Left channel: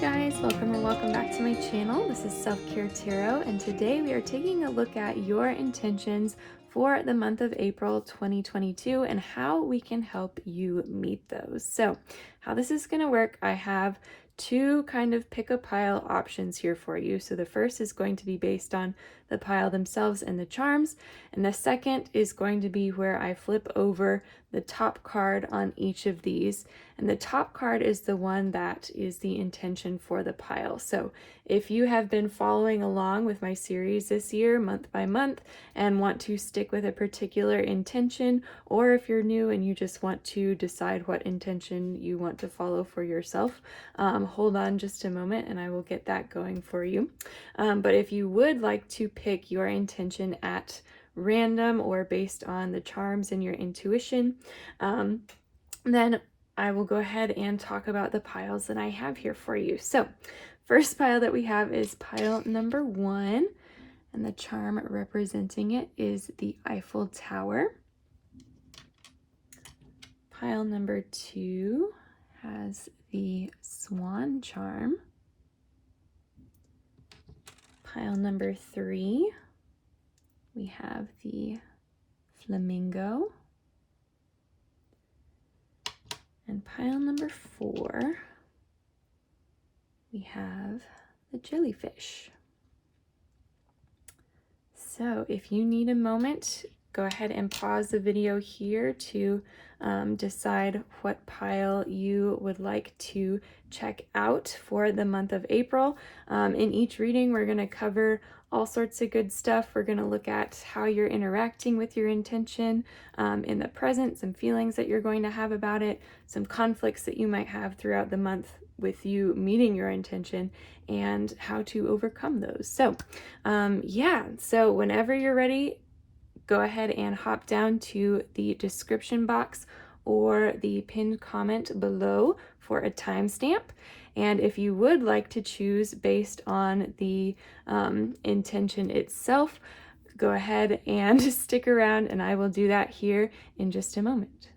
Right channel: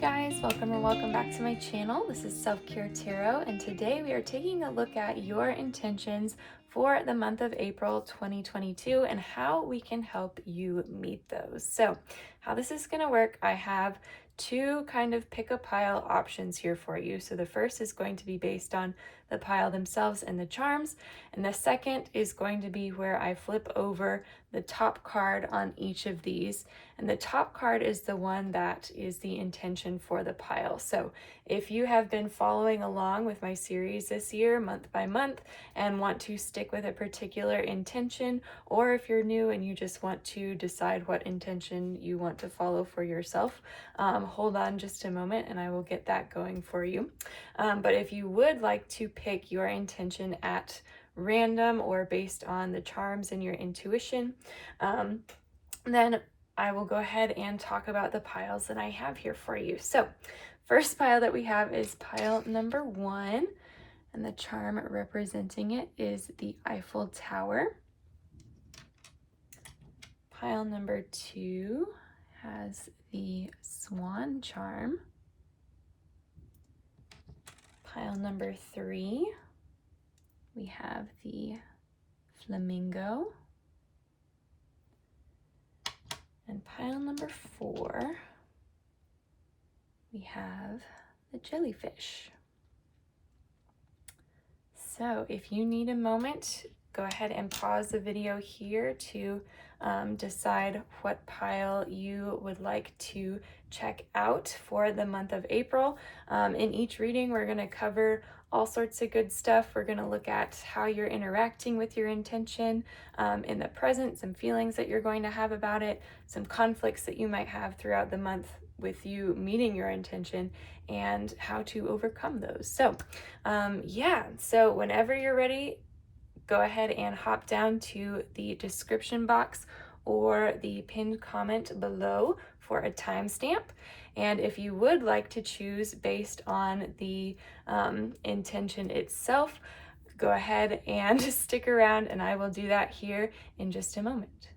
guys, welcome or welcome back to my channel. This is Self-Care Tarot, and today we are taking a look at your intentions for the month of April 2022 and how we can help you meet those. So how this is going to work, I have two kind of pick a pile options here for you. So the first is going to be based on the pile themselves and the charms, and the second is going to be where I flip over the top card on each of these, and the top card is the one that is the intention for the pile. So if you have been following along with my series this year month by month and want to stick with a particular intention, or if you're new and you just want to decide what intention you want to follow for yourself, hold on just a moment and I will get that going for you. But if you would like to pick your intention at random or based on the charms and your intuition, then I will go ahead and talk about the piles that I have here for you. So first pile that we have is pile number 1, and the charm representing it is the Eiffel Tower. Pile number 2 has the Swan charm. Pile number 3, we have the Flamingo. And pile number 4, we have the Jellyfish. So if you need a moment, go ahead and pause the video here to decide what pile you would like to check out for the month of April. In each reading, we're going to cover all sorts of good stuff. We're going to look at how you're interacting with your intention in the present, some feelings that you're going to have about it, some conflicts that you might have throughout the month with you meeting your intention, and how to overcome those. So so whenever you're ready, go ahead and hop down to the description box or the pinned comment below for a timestamp. And if you would like to choose based on the intention itself, go ahead and stick around and I will do that here in just a moment.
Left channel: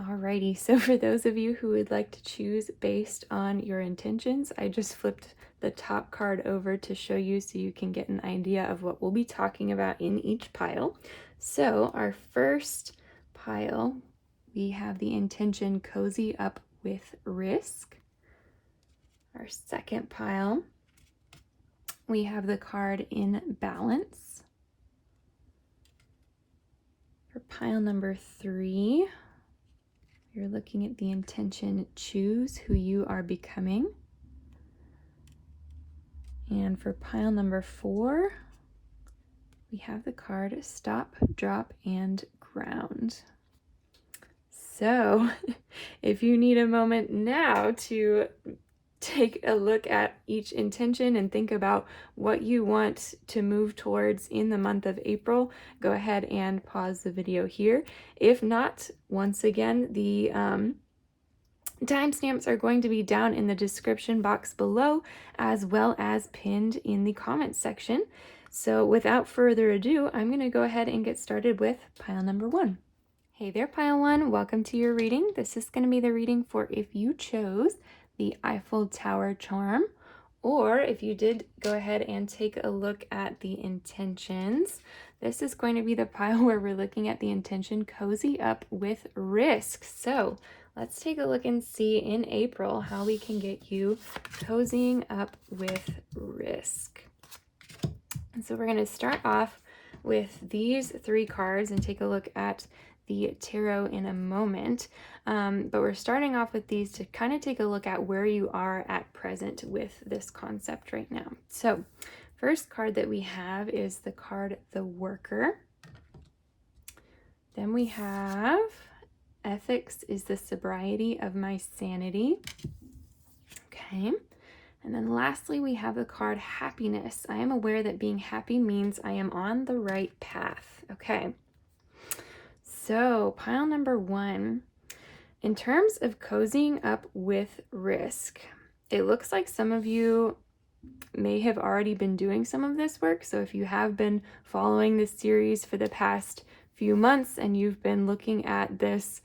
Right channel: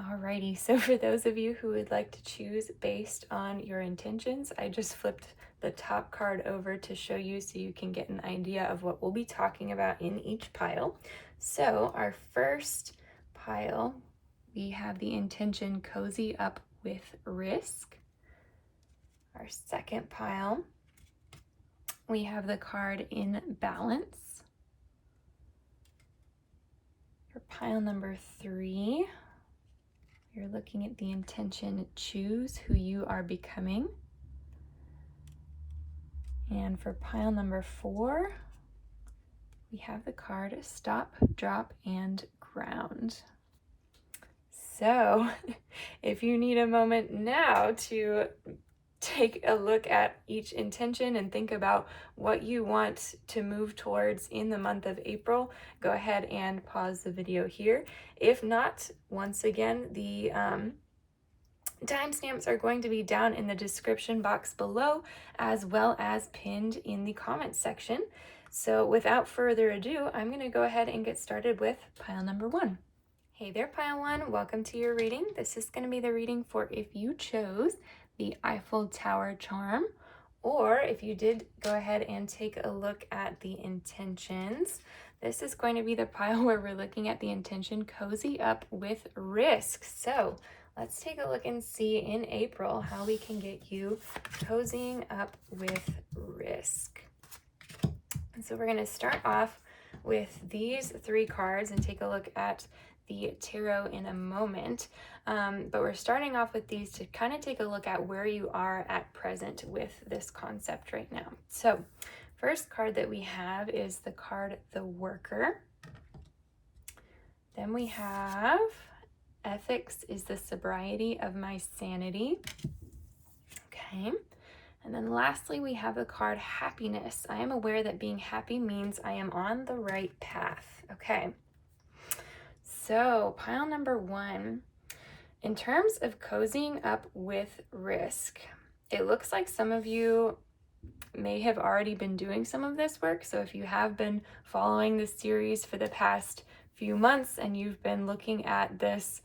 Alrighty, so for those of you who would like to choose based on your intentions, I just flipped the top card over to show you so you can get an idea of what we'll be talking about in each pile. So our first pile, we have the intention Cozy Up with Risk. Our second pile, we have the card In Balance. For pile number 3, you're looking at the intention Choose Who You Are Becoming. And for pile number 4, we have the card Stop, Drop, and Ground. So if you need a moment now to take a look at each intention and think about what you want to move towards in the month of April, go ahead and pause the video here. If not, once again, the timestamps are going to be down in the description box below, as well as pinned in the comments section. So without further ado, I'm going to go ahead and get started with pile number 1. Hey there, pile 1. Welcome to your reading. This is going to be the reading for if you chose the Eiffel Tower charm, or if you did go ahead and take a look at the intentions. This is going to be the pile where we're looking at the intention Cozy Up with Risk. So let's take a look and see in April how we can get you cozying up with risk. And so we're going to start off with these 3 cards and take a look at the tarot in a moment, but we're starting off with these to kind of take a look at where you are at present with this concept right now. So first card that we have is the card The Worker. Then we have Ethics is the Sobriety of My Sanity. Okay. And then lastly, we have the card Happiness. I am aware that being happy means I am on the right path. Okay. So pile number 1, in terms of cozying up with risk, it looks like some of you may have already been doing some of this work. So if you have been following this series for the past few months and you've been looking at this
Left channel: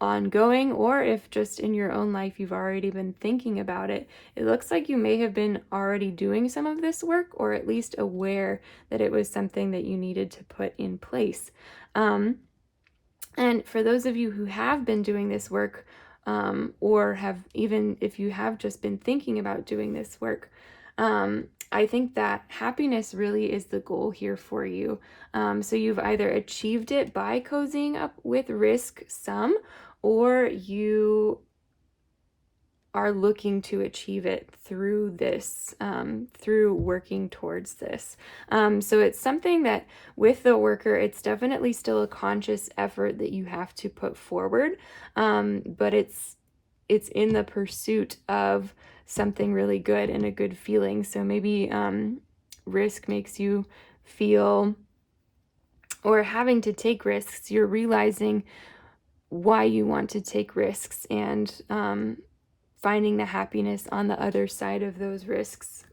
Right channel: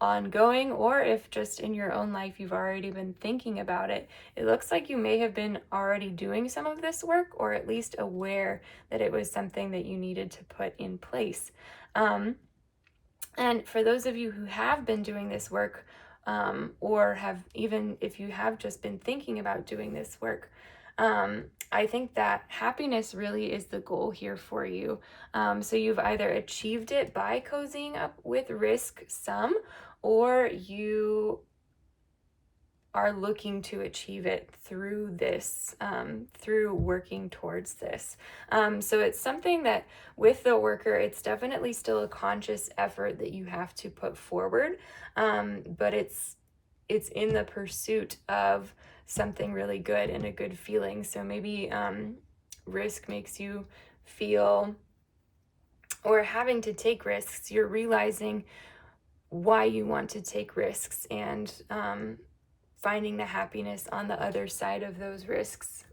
ongoing, or if just in your own life you've already been thinking about it. It looks like you may have been already doing some of this work, or at least aware that it was something that you needed to put in place. And for those of you who have been doing this work, or have, even if you have just been thinking about doing this work, I think that happiness really is the goal here for you. So you've either achieved it by cozying up with risk some, or you are looking to achieve it through this, through working towards this. So it's something that with the worker, it's definitely still a conscious effort that you have to put forward, but it's in the pursuit of something really good and a good feeling. So maybe risk makes you feel, or having to take risks, you're realizing why you want to take risks, and finding the happiness on the other side of those risks,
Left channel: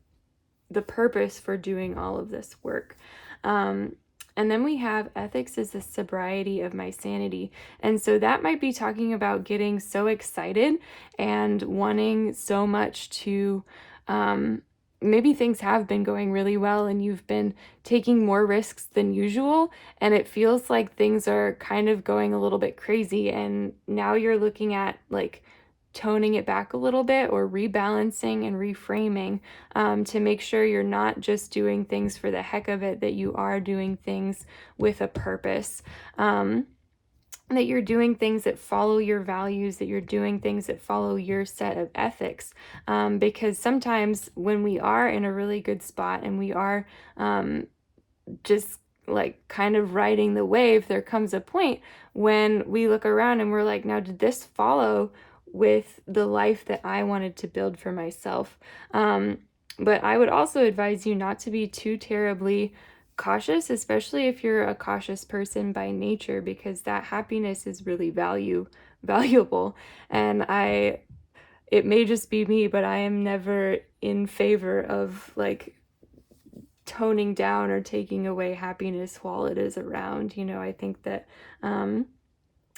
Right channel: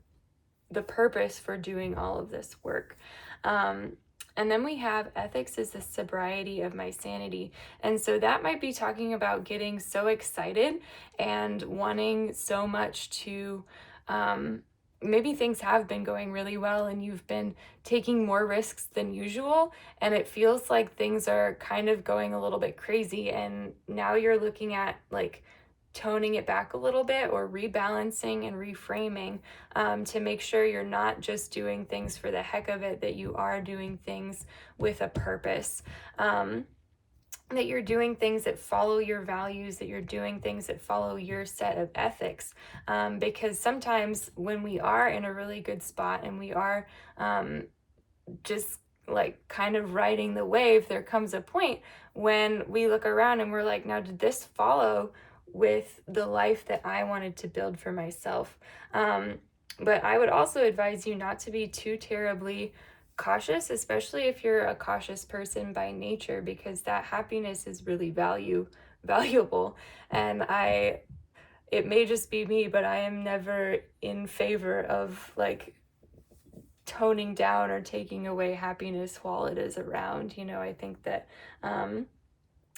the purpose for doing all of this work. And then we have ethics is the sobriety of my sanity. And so that might be talking about getting so excited and wanting so much to, maybe things have been going really well and you've been taking more risks than usual, and it feels like things are kind of going a little bit crazy. And now you're looking at like toning it back a little bit, or rebalancing and reframing, to make sure you're not just doing things for the heck of it, that you are doing things with a purpose, that you're doing things that follow your values, that you're doing things that follow your set of ethics. Because sometimes when we are in a really good spot and we are just like kind of riding the wave, there comes a point when we look around and we're like, now, did this follow with the life that I wanted to build for myself? But I would also advise you not to be too terribly cautious, especially if you're a cautious person by nature, because that happiness is really valuable. And it may just be me, but I am never in favor of like toning down or taking away happiness while it is around. I think that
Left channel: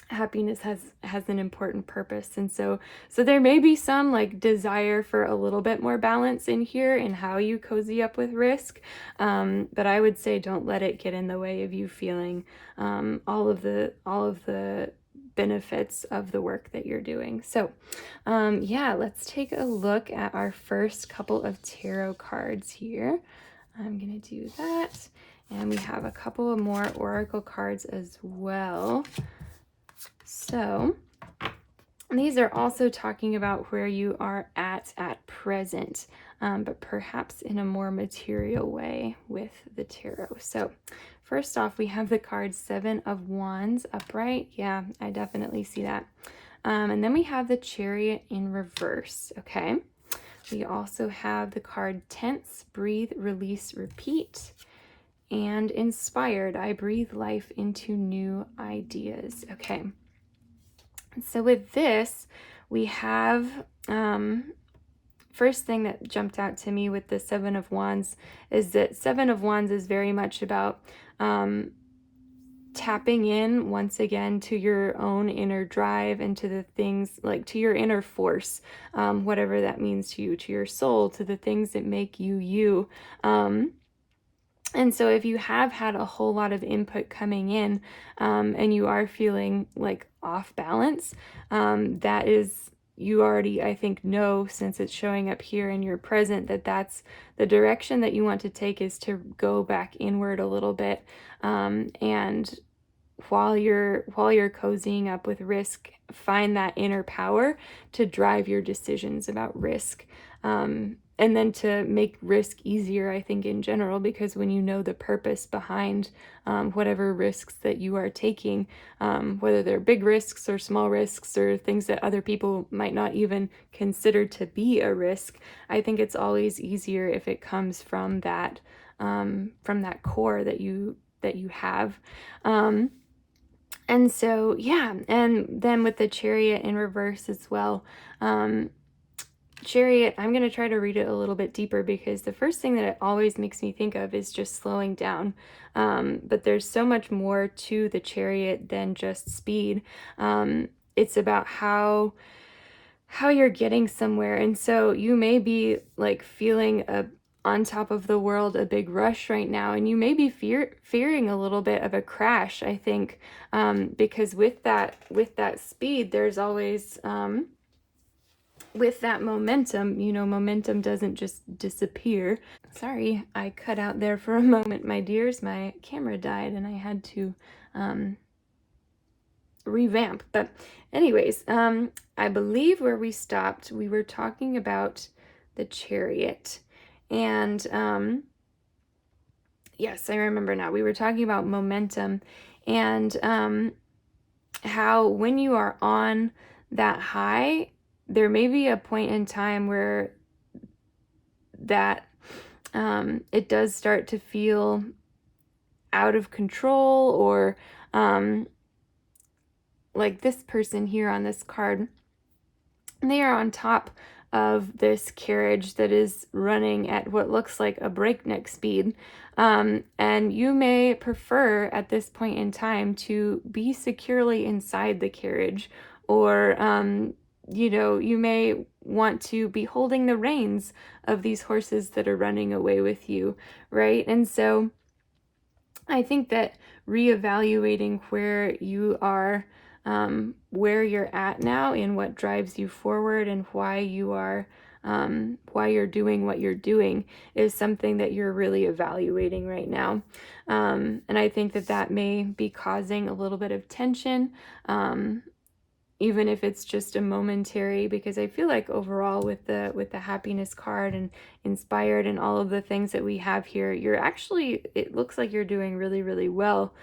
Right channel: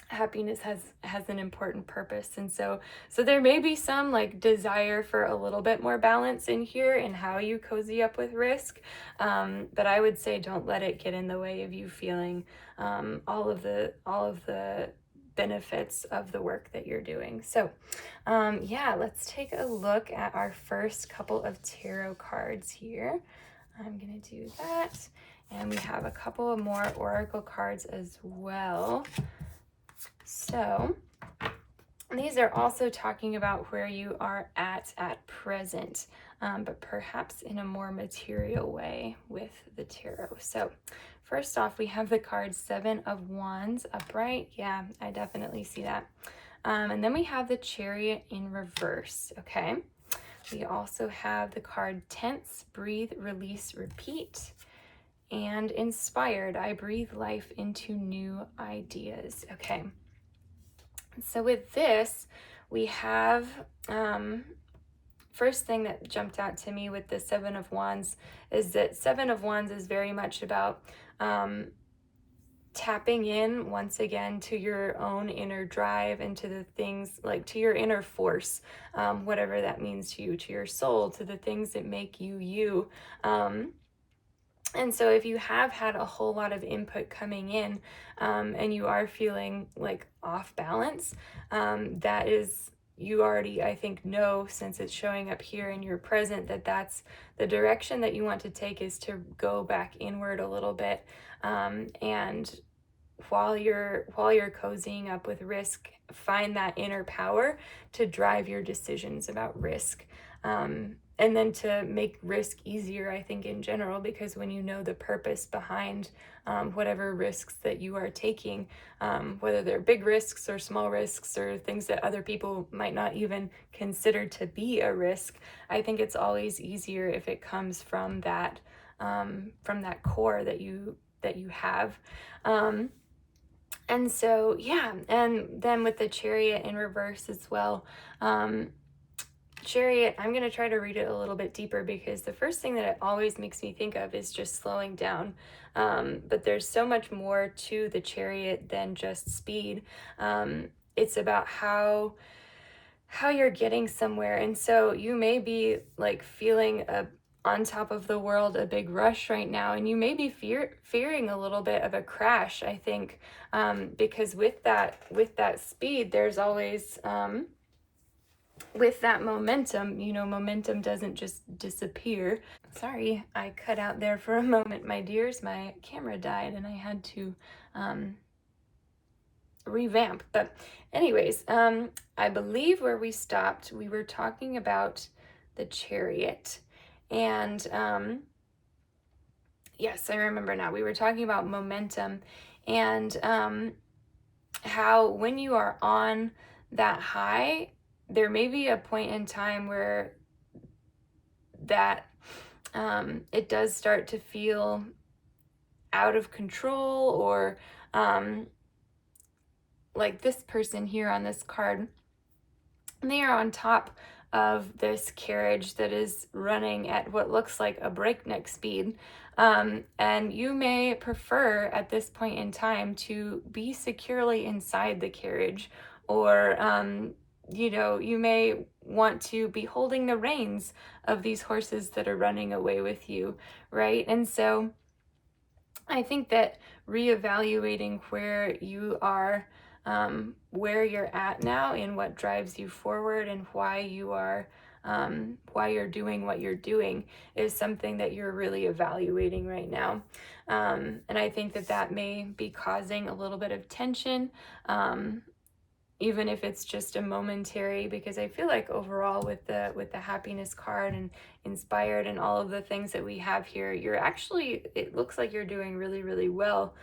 happiness has an important purpose, and so there may be some like desire for a little bit more balance in here in how you cozy up with risk, but I would say don't let it get in the way of you feeling all of the benefits of the work that you're doing. So yeah, let's take a look at our first couple of tarot cards here. I'm going to do that. And we have a couple of more oracle cards as well. So these are also talking about where you are at present, but perhaps in a more material way with the tarot. So first off, we have the card Seven of Wands upright. Yeah, I definitely see that. And then we have the Chariot in reverse. Okay. We also have the card Tense, Breathe, Release, Repeat, and Inspired. I breathe life into new ideas. Okay. So with this, we have, first thing that jumped out to me with the Seven of Wands is that Seven of Wands is very much about tapping in once again to your own inner drive and to the things, like to your inner force, whatever that means to you, to your soul, to the things that make you you. And so if you have had a whole lot of input coming in, and you are feeling like off balance, that is, you already, I think, know, since it's showing up here in your present, that that's the direction that you want to take, is to go back inward a little bit, and while you're cozying up with risk, find that inner power to drive your decisions about risk, and then to make risk easier, I think, in general, because when you know the purpose behind whatever risks that you are taking, whether they're big risks or small risks or things that other people might not even consider to be a risk, I think it's always easier if it comes from that core that you have. And so, yeah, and then with the Chariot in reverse as well. Chariot, I'm going to try to read it a little bit deeper, because the first thing that it always makes me think of is just slowing down. But there's so much more to the Chariot than just speed. it's about how you're getting somewhere. And so you may be like feeling on top of the world a big rush right now, and you may be fearing a little bit of a crash, I think, because with that speed, there's always with that momentum, momentum doesn't just disappear. Sorry, I cut out there for a moment, my dears. My camera died and I had to revamp. But anyways, I believe where we stopped, we were talking about the chariot. And yes, I remember now. We were talking about momentum and how when you are on that high, there may be a point in time where that it does start to feel out of control, or like this person here on this card, they are on top of this carriage that is running at what looks like a breakneck speed. And you may prefer at this point in time to be securely inside the carriage, or you may want to be holding the reins of these horses that are running away with you, right? And so I think that reevaluating where you are, where you're at now, and what drives you forward, and why you're doing what you're doing, is something that you're really evaluating right now. And I think that may be causing a little bit of tension, even if it's just a momentary, because I feel like overall with the happiness card and inspired and all of the things that we have here, it looks like you're doing really, really well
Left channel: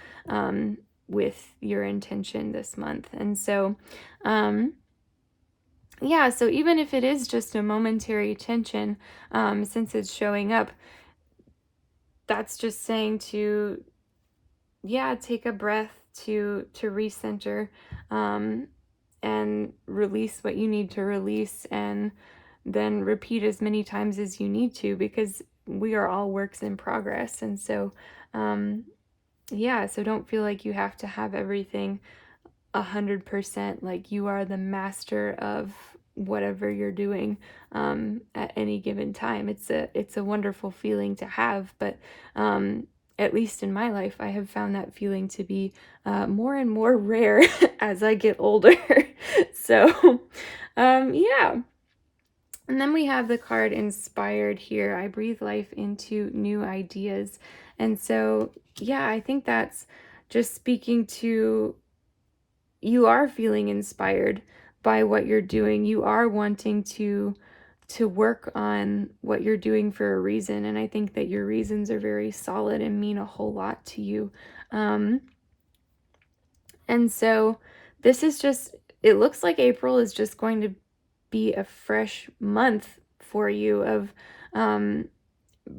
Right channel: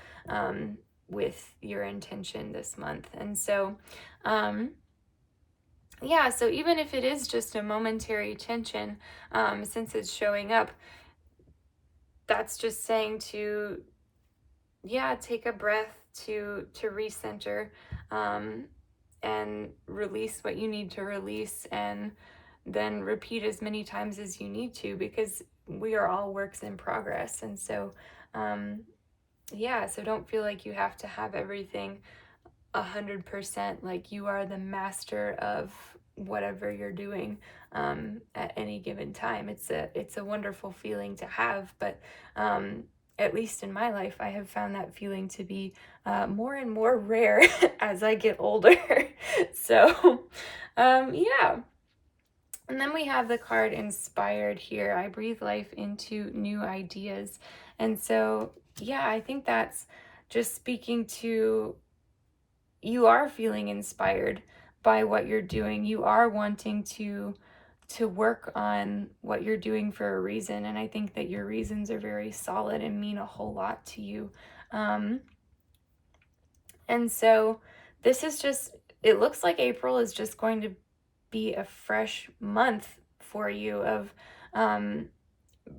with your intention this month. And so yeah, so even if it is just a momentary tension, since it's showing up, that's just saying to take a breath, to recenter, and release what you need to release, and then repeat as many times as you need to, because we are all works in progress. And so so don't feel like you have to have everything 100%, like you are the master of whatever you're doing at any given time. It's a wonderful feeling to have, but at least in my life, I have found that feeling to be more and more rare as I get older. So, yeah. And then we have the card Inspired here. I breathe life into new ideas. And so, yeah, I think that's just speaking to, you are feeling inspired by what you're doing. You are wanting to work on what you're doing for a reason, and I think that your reasons are very solid and mean a whole lot to you. And so this is just, it looks like April is just going to be a fresh month for you of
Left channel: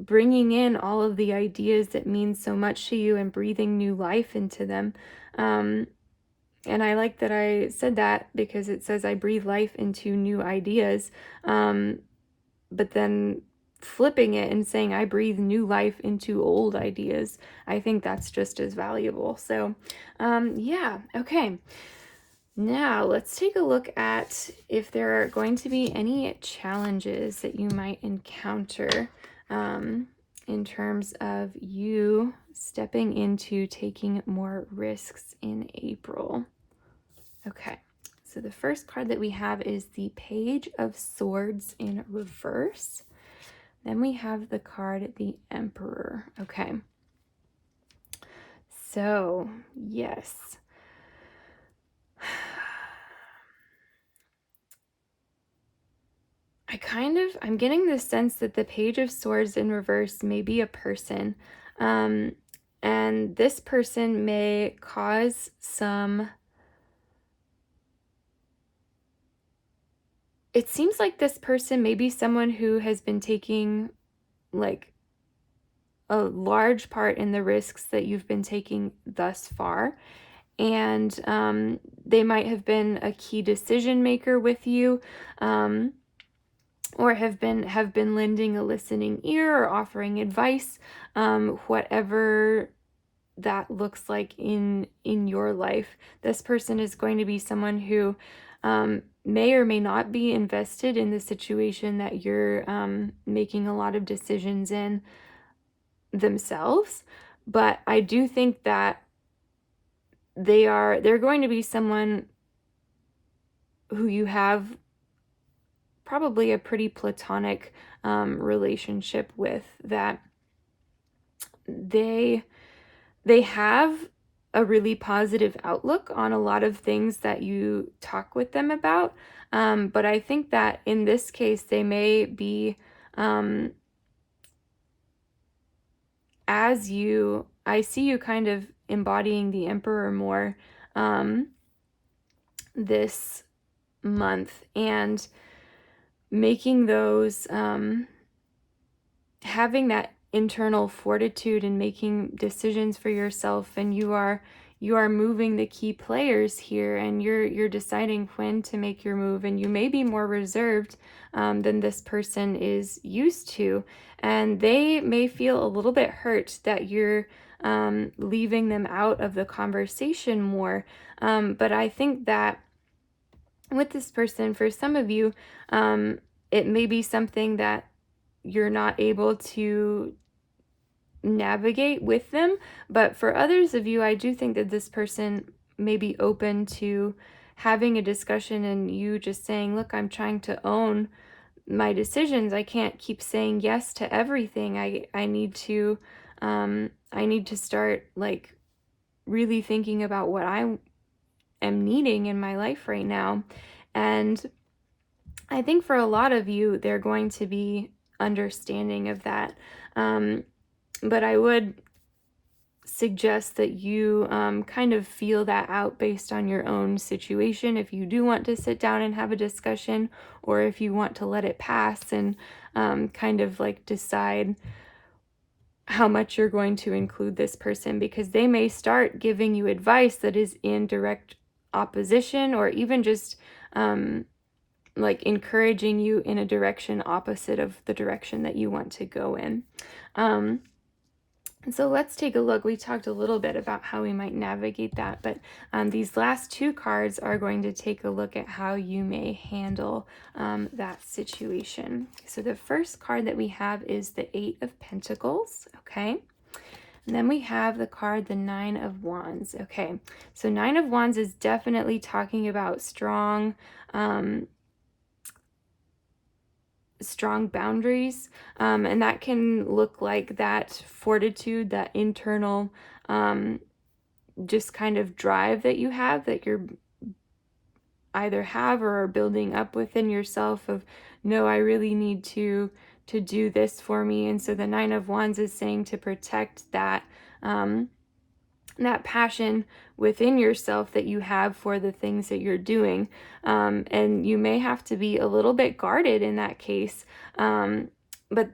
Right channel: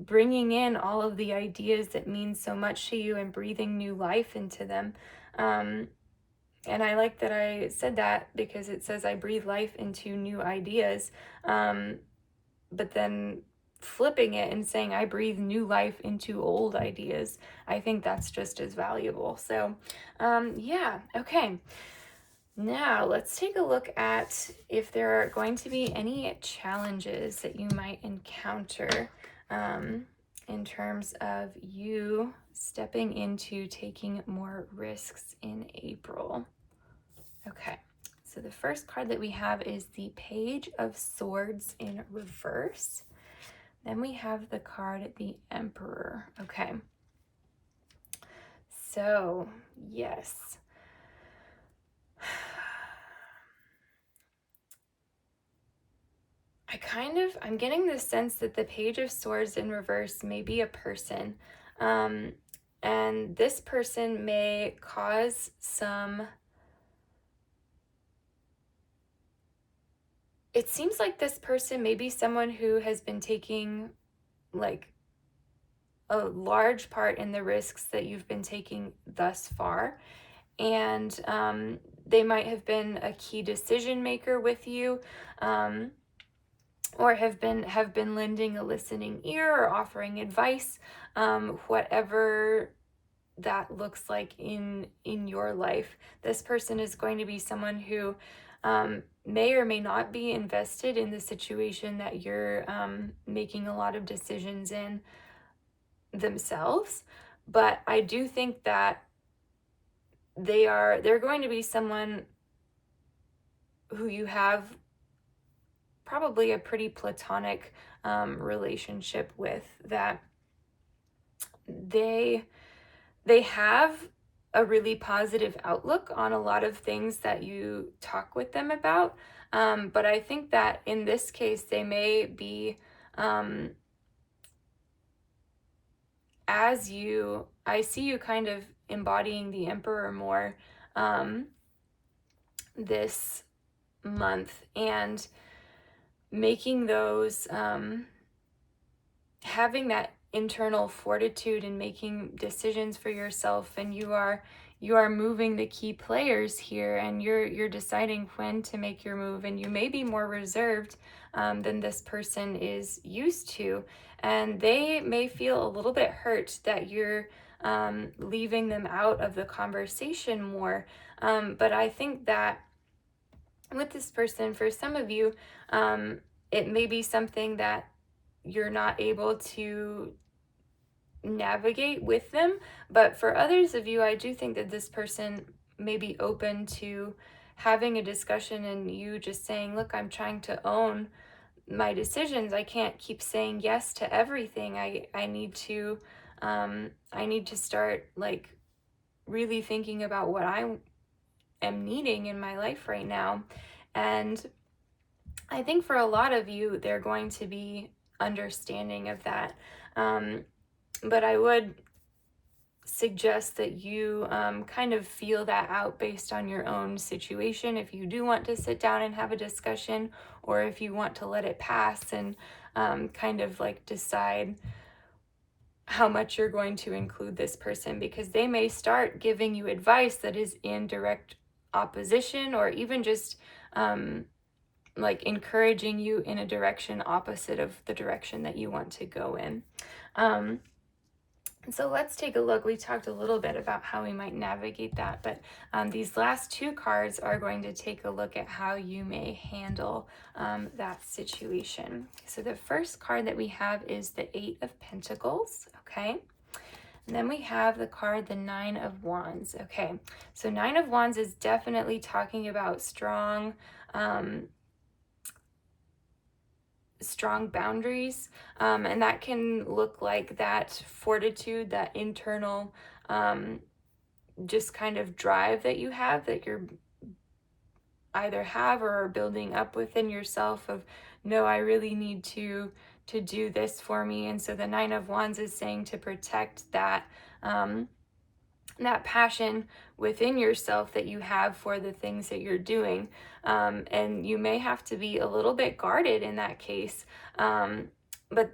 bringing in all of the ideas that mean so much to you and breathing new life into them. And I like that I said that, because it says I breathe life into new ideas. But then flipping it and saying I breathe new life into old ideas, I think that's just as valuable. So, yeah, okay. Now let's take a look at if there are going to be any challenges that you might encounter in terms of you stepping into taking more risks in April. Okay, so the first card that we have is the Page of Swords in reverse. Then we have the card, the Emperor. Okay, so yes. I'm getting the sense that the Page of Swords in reverse may be a person. And this person may cause some... It seems like this person may be someone who has been taking like a large part in the risks that you've been taking thus far. And they might have been a key decision maker with you, or have been lending a listening ear or offering advice, whatever that looks like in your life. This person is going to be someone who may or may not be invested in the situation that you're making a lot of decisions in themselves, but I do think that they're going to be someone who you have probably a pretty platonic relationship with, that they have a really positive outlook on a lot of things that you talk with them about. But I think that in this case, they may be, I see you kind of embodying the Emperor more this month, and making those, having that internal fortitude and making decisions for yourself, and you are moving the key players here, and you're deciding when to make your move, and you may be more reserved than this person is used to, and they may feel a little bit hurt that you're leaving them out of the conversation more. But I think that with this person, for some of you, it may be something that you're not able to navigate with them. But for others of you, I do think that this person may be open to having a discussion, and you just saying, look, I'm trying to own my decisions. I can't keep saying yes to everything. I need to start like really thinking about what I am needing in my life right now. And I think for a lot of you, they're going to be understanding of that. But I would suggest that you kind of feel that out based on your own situation, if you do want to sit down and have a discussion, or if you want to let it pass and kind of like decide how much you're going to include this person, because they may start giving you advice that is in direct opposition, or even just like encouraging you in a direction opposite of the direction that you want to go in. So let's take a look. We talked a little bit about how we might navigate that, but these last two cards are going to take a look at how you may handle that situation. So the first card that we have is the Eight of Pentacles, okay? And then we have the card, the Nine of Wands, okay? So Nine of Wands is definitely talking about strong boundaries, and that can look like that fortitude, that internal just kind of drive that you have, that you're either have or are building up within yourself, of no, I really need to do this for me. And so the Nine of Wands is saying to protect that that passion within yourself that you have for the things that you're doing. And you may have to be a little bit guarded in that case. But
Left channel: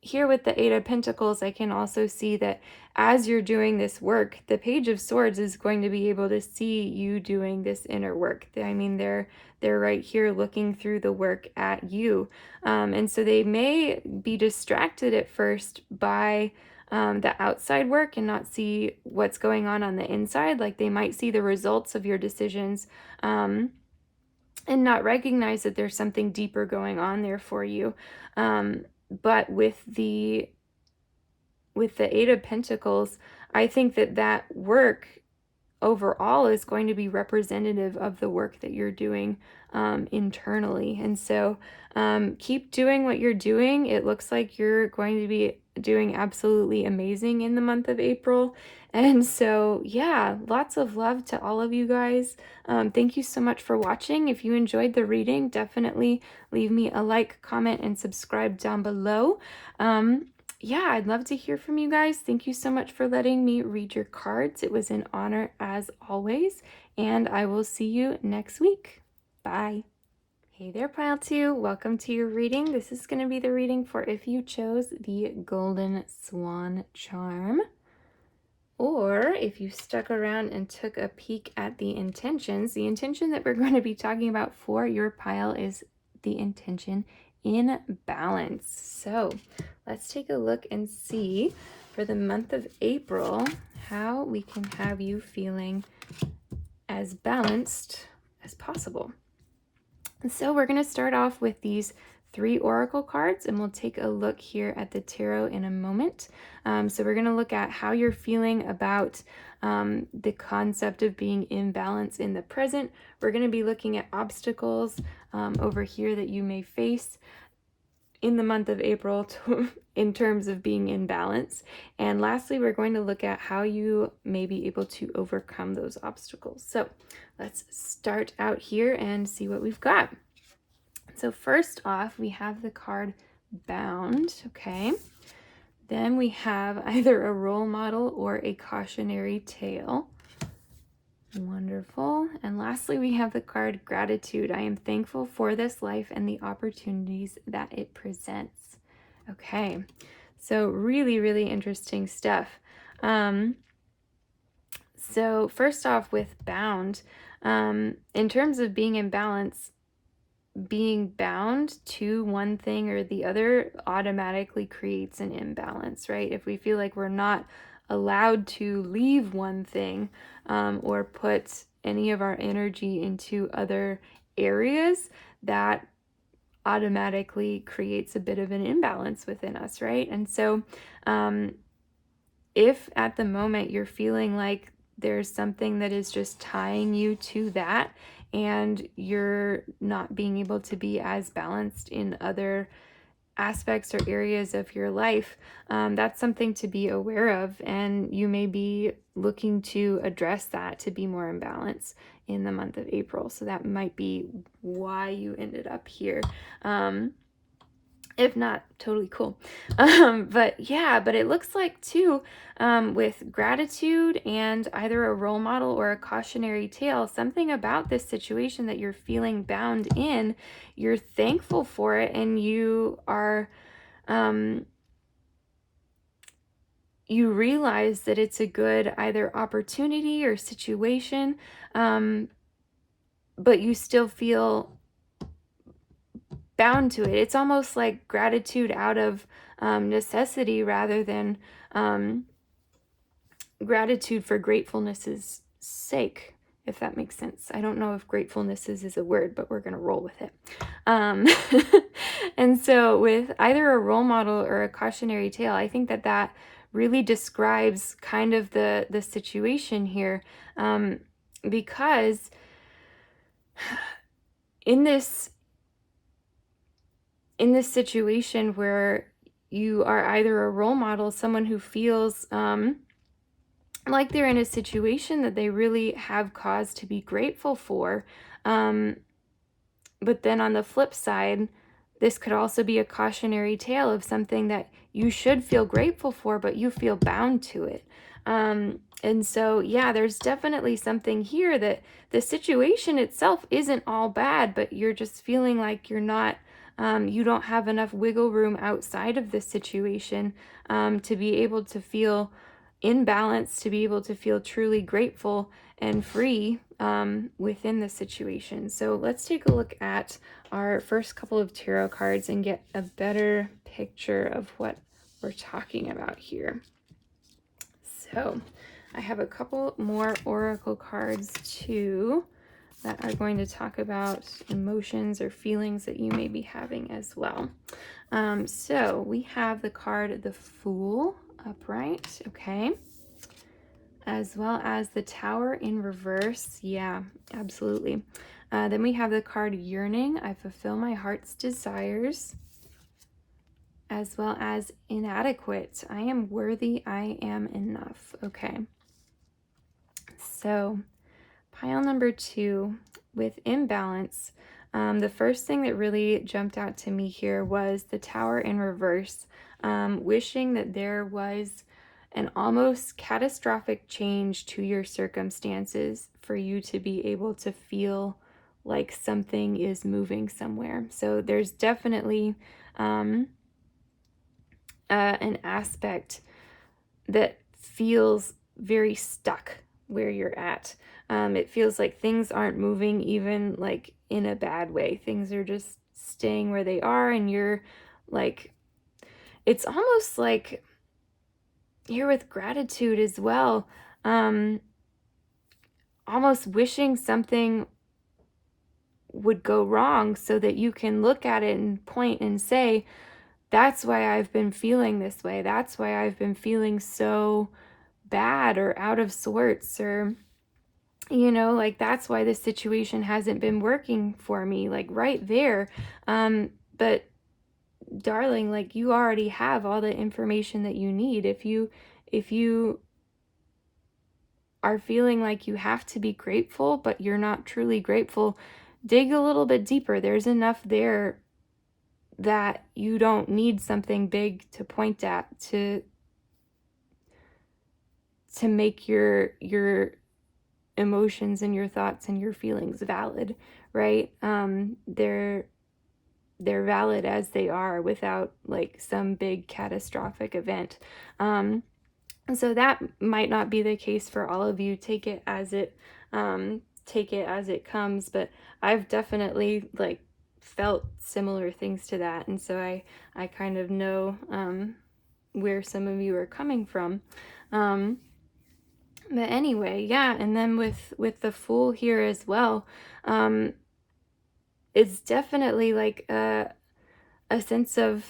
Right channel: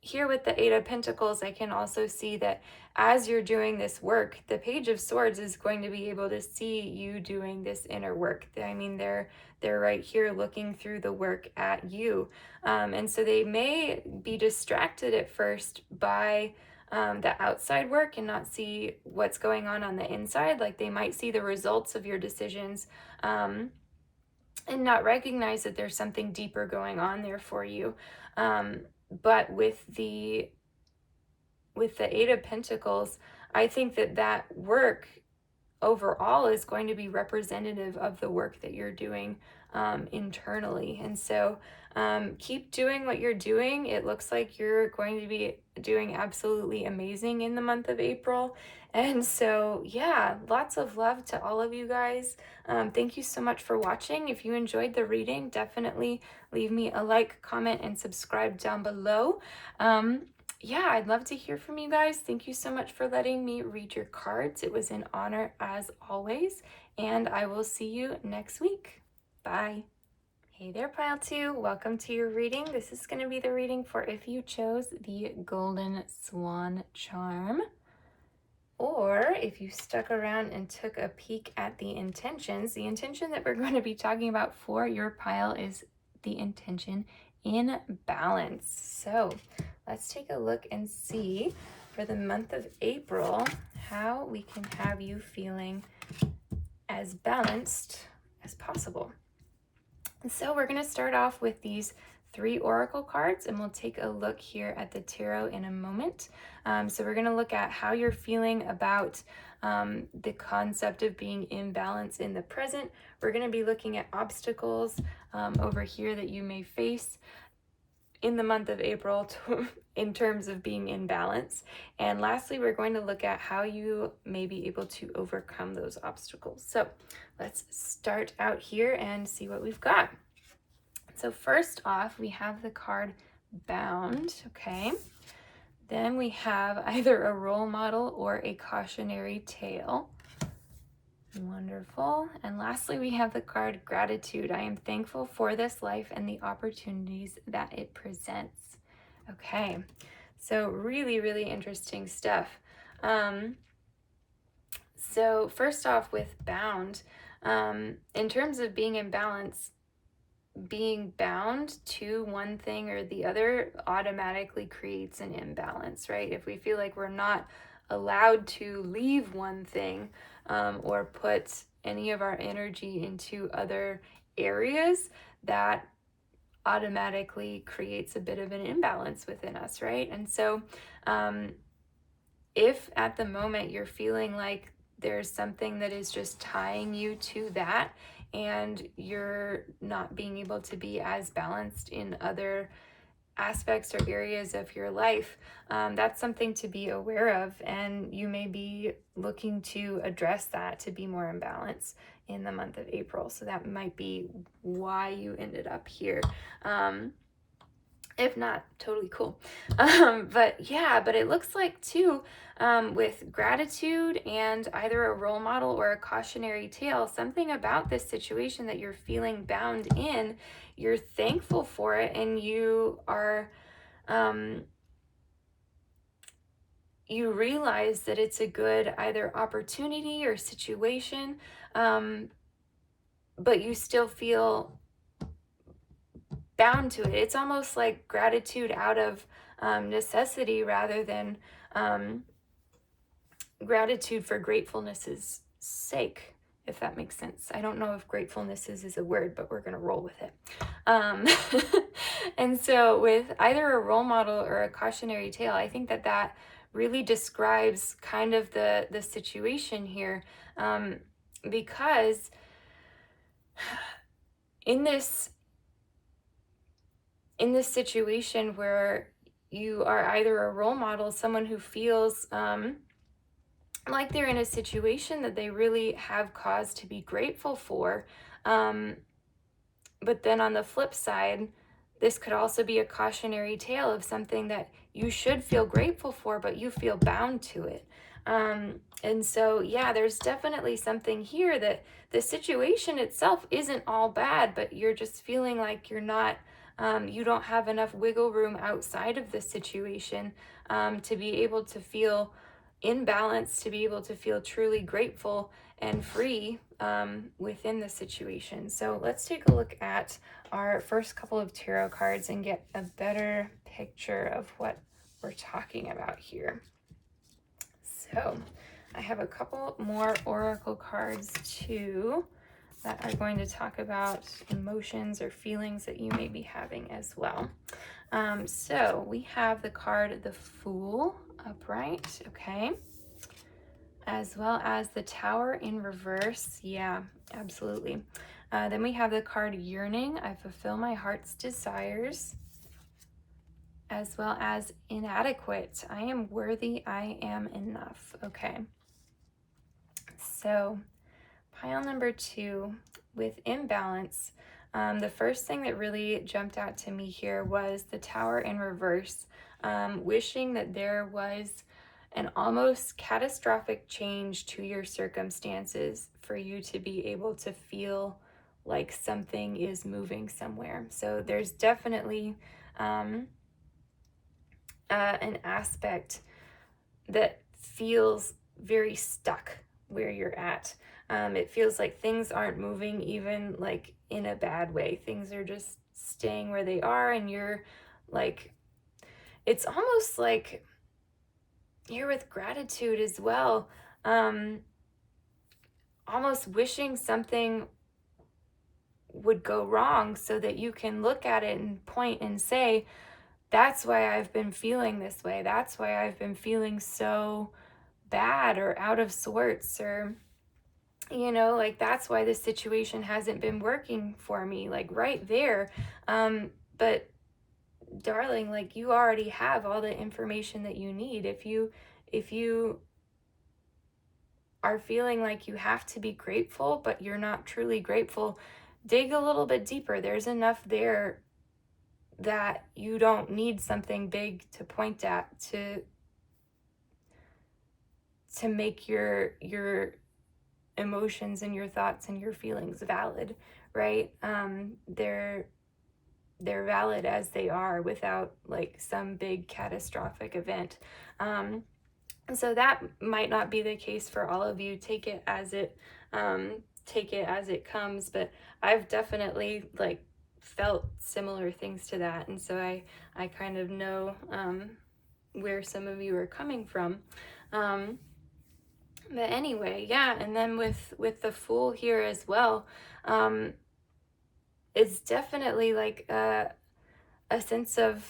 here with the Eight of Pentacles, I can also see that as you're doing this work, the Page of Swords is going to be able to see you doing this inner work. I mean, they're right here looking through the work at you. And so they may be distracted at first by the outside work and not see what's going on the inside. Like they might see the results of your decisions and not recognize that there's something deeper going on there for you. But with the Eight of Pentacles, I think that work overall is going to be representative of the work that you're doing internally. And so keep doing what you're doing. It looks like you're going to be doing absolutely amazing in the month of April. And so, yeah, lots of love to all of you guys. Thank you so much for watching. If you enjoyed the reading, definitely leave me a like, comment, and subscribe down below. Yeah, I'd love to hear from you guys. Thank you so much for letting me read your cards. It was an honor as always, and I will see you next week. Bye. Hey there, Pile 2. Welcome to your reading. This is going to be the reading for if you chose the Golden Swan Charm, or if you stuck around and took a peek at the intentions. The intention that we're going to be talking about for your pile is the intention in balance. So let's take a look and see for for the month of April, how we can have you feeling as balanced as possible. And so we're going to start off with these 3 oracle cards, and we'll take a look here at the tarot in a moment. So we're going to look at how you're feeling about the concept of being in balance in the present. We're going to be looking at obstacles over here that you may face in the month of April in terms of being in balance. And lastly, we're going to look at how you may be able to overcome those obstacles. So let's start out here and see what we've got. So first off, we have the card Bound, okay? Then we have either a role model or a cautionary tale. Wonderful. And lastly, we have the card Gratitude. I am thankful for this life and the opportunities that it presents. Okay, so really, really interesting stuff. So first off with Bound, in terms of being in balance, being bound to one thing or the other automatically creates an imbalance, right? If we feel like we're not allowed to leave one thing or put any of our energy into other areas, that automatically creates a bit of an imbalance within us, right? And so if at the moment you're feeling like there's something that is just tying you to that and you're not being able to be as balanced in other aspects or areas of your life, that's something to be aware of, and you may be looking to address that to be more in balance in the month of April. So that might be why you ended up here. If not, totally cool. But it looks like too, with Gratitude and either a role model or a cautionary tale, something about this situation that you're feeling bound in, you're thankful for it, and you are, you realize that it's a good either opportunity or situation, but you still feel bound to it. It's almost like gratitude out of necessity rather than gratitude for gratefulness's sake, if that makes sense. I don't know if gratefulness is a word, but we're going to roll with it. And so with either a role model or a cautionary tale, I think that really describes kind of the situation here, because in this situation where you are either a role model, someone who feels like they're in a situation that they really have cause to be grateful for, but then on the flip side, this could also be a cautionary tale of something that you should feel grateful for, but you feel bound to it. And so, there's definitely something here that the situation itself isn't all bad, but you're just feeling like you're not, you don't have enough wiggle room outside of the situation to be able to feel in balance, to be able to feel truly grateful and free within the situation. So let's take a look at our first couple of tarot cards and get a better picture of what we're talking about here. So I have a couple more oracle cards too that are going to talk about emotions or feelings that you may be having as well. So we have the card the Fool upright, okay, as well as the Tower in reverse. Yeah, absolutely. Then we have the card Yearning. I fulfill my heart's desires, as well as Inadequate. I am worthy. I am enough. Okay. So pile number 2 with imbalance. The first thing that really jumped out to me here was the Tower in reverse, wishing that there was an almost catastrophic change to your circumstances for you to be able to feel like something is moving somewhere. So there's definitely an aspect that feels very stuck where you're at. It feels like things aren't moving, even like in a bad way. Things are just staying where they are, and you're like, it's almost like here with gratitude as well. Almost wishing something would go wrong so that you can look at it and point and say, that's why I've been feeling this way. That's why I've been feeling so bad or out of sorts, or, like that's why this situation hasn't been working for me, like right there. But darling, like you already have all the information that you need. If you are feeling like you have to be grateful, but you're not truly grateful, dig a little bit deeper. There's enough there that you don't need something big to point at to make your emotions and your thoughts and your feelings valid, right? They're valid as they are without like some big catastrophic event. So that might not be the case for all of you. Take it as it comes, but I've definitely like felt similar things to that, and so I kind of know where some of you are coming from. But anyway, yeah, and then with the Fool here as well, um, it's definitely like a sense of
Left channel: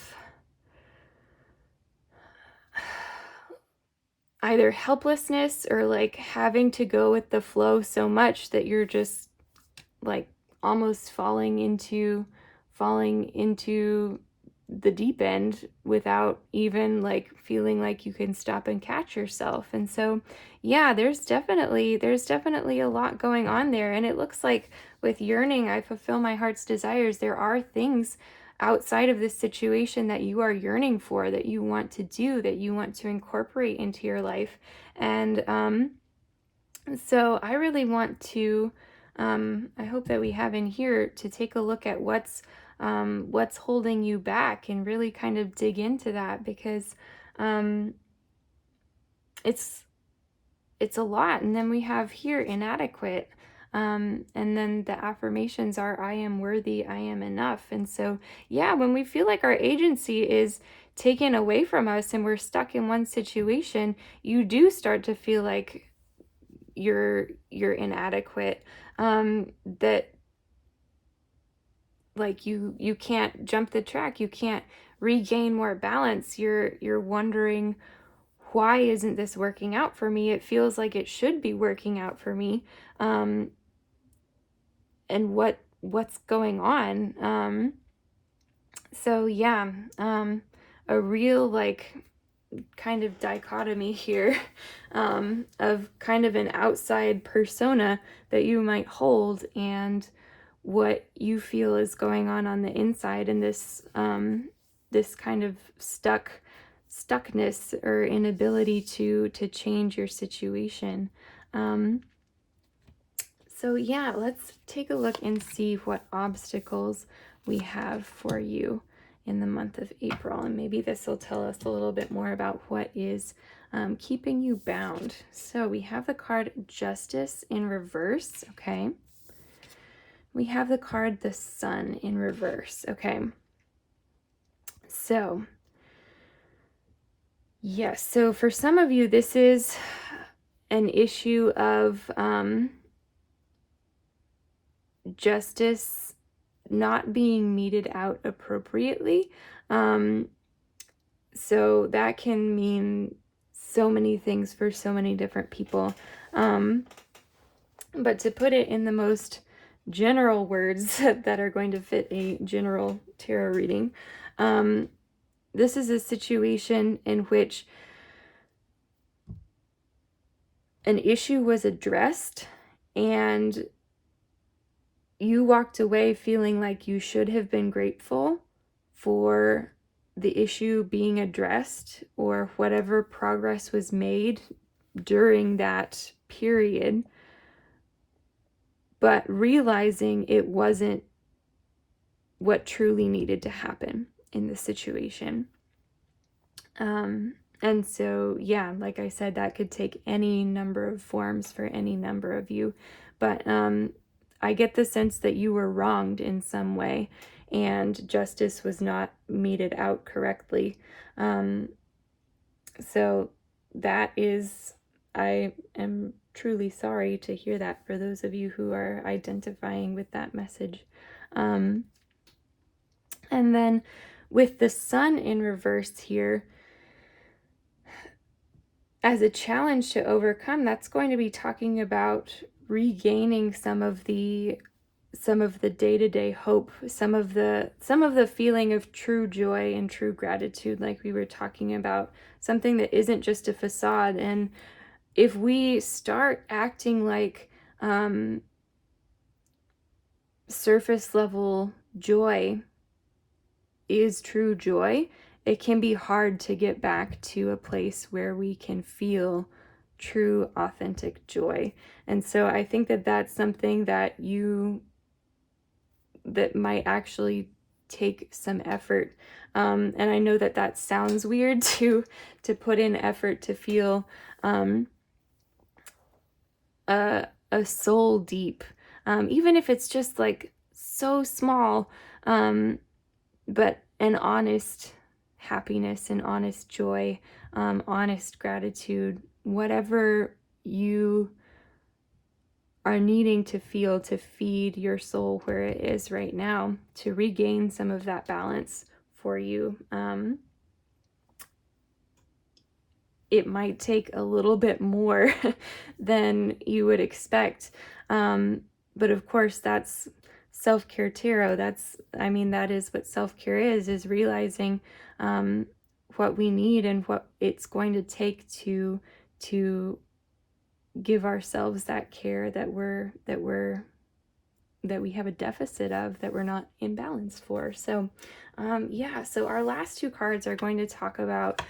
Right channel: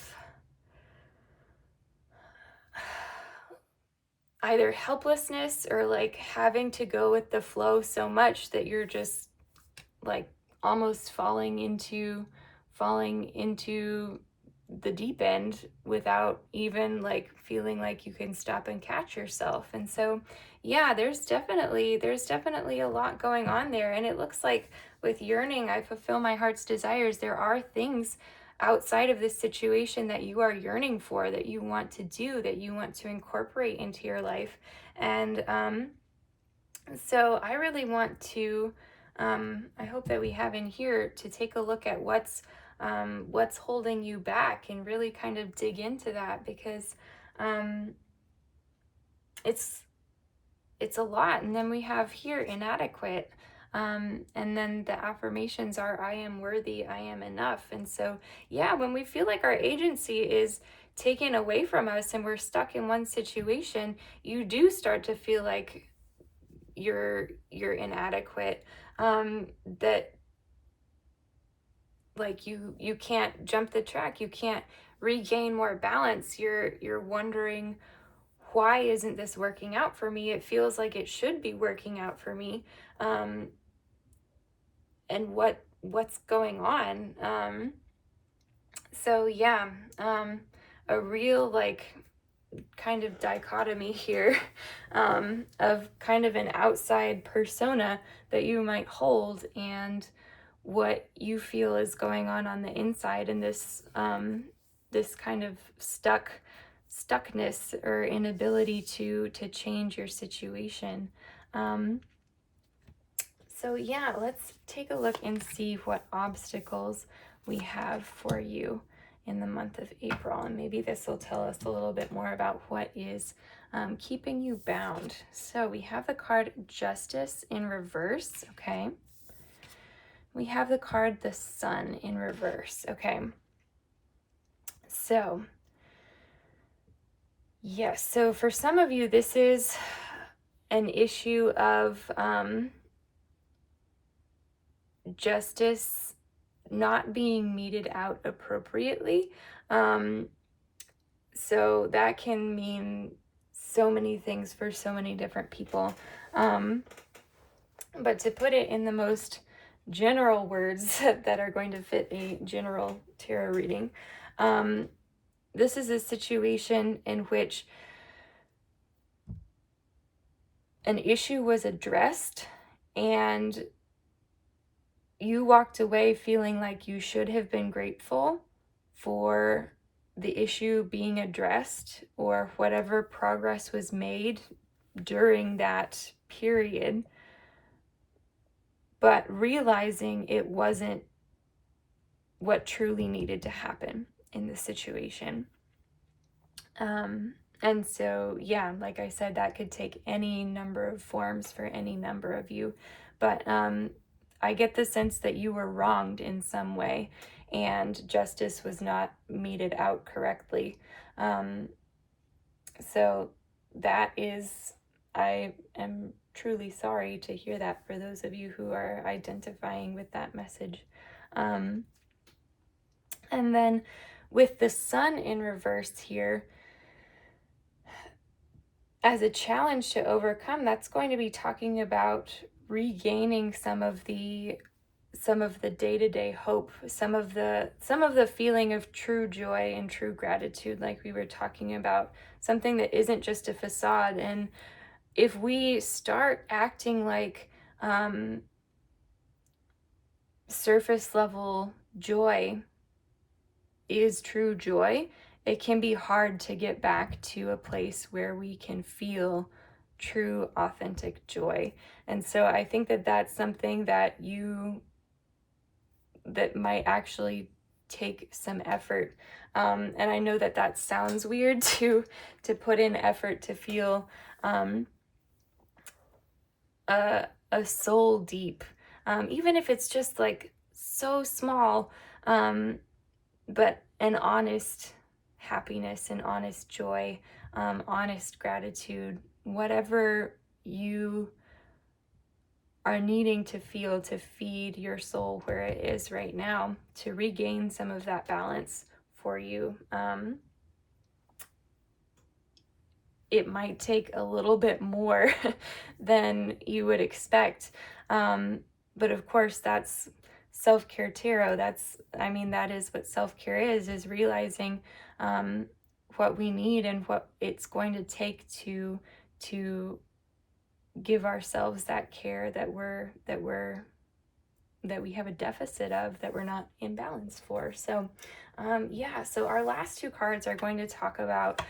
either helplessness or like having to go with the flow so much that you're just like almost falling into the deep end without even like feeling like you can stop and catch yourself. And so yeah, there's definitely a lot going on there, and it looks like with yearning, I fulfill my heart's desires. There are things outside of this situation that you are yearning for, that you want to do, that you want to incorporate into your life. And so I really want to, I hope that we have in here to take a look at what's holding you back and really kind of dig into that, because um, it's it's a lot. And then we have here inadequate. And then the affirmations are, I am worthy, I am enough. And so, yeah, when we feel like our agency is taken away from us and we're stuck in one situation, you do start to feel like you're inadequate, that like you can't jump the track, you can't regain more balance. You're wondering, why isn't this working out for me? It feels like it should be working out for me. And what's going on? So yeah, a real like kind of dichotomy here, of kind of an outside persona that you might hold, and what you feel is going on the inside, and this kind of stuckness or inability to change your situation. So yeah, let's take a look and see what obstacles we have for you in the month of April, and maybe this will tell us a little bit more about what is keeping you bound. So we have the card Justice in reverse, okay? We have the card the Sun in reverse, okay? So, yes, so for some of you, this is an issue of justice not being meted out appropriately. So that can mean so many things for so many different people. But to put it in the most general words that are going to fit a general tarot reading, this is a situation in which an issue was addressed and you walked away feeling like you should have been grateful for the issue being addressed or whatever progress was made during that period, but realizing it wasn't what truly needed to happen in the situation. And so, yeah, like I said, that could take any number of forms for any number of you. But I get the sense that you were wronged in some way and justice was not meted out correctly. So that is, I am truly sorry to hear that for those of you who are identifying with that message. Um, and then with the sun in reverse here, as a challenge to overcome, that's going to be talking about regaining some of the day-to-day hope, some of the feeling of true joy and true gratitude, like we were talking about, something that isn't just a facade. And if we start acting like surface level joy is true joy, it can be hard to get back to a place where we can feel true, authentic joy. And so I think that that's something that might actually take some effort. And I know that that sounds weird to put in effort to feel a, a soul deep, even if it's just like so small, but an honest happiness and honest joy, honest gratitude, whatever you are needing to feel to feed your soul where it is right now, to regain some of that balance for you. It might take a little bit more than you would expect. But of course, that's self-care tarot. That is what self-care is realizing what we need and what it's going to take to give ourselves that care that we have a deficit of, that we're not in balance for. So so our last two cards are going to talk about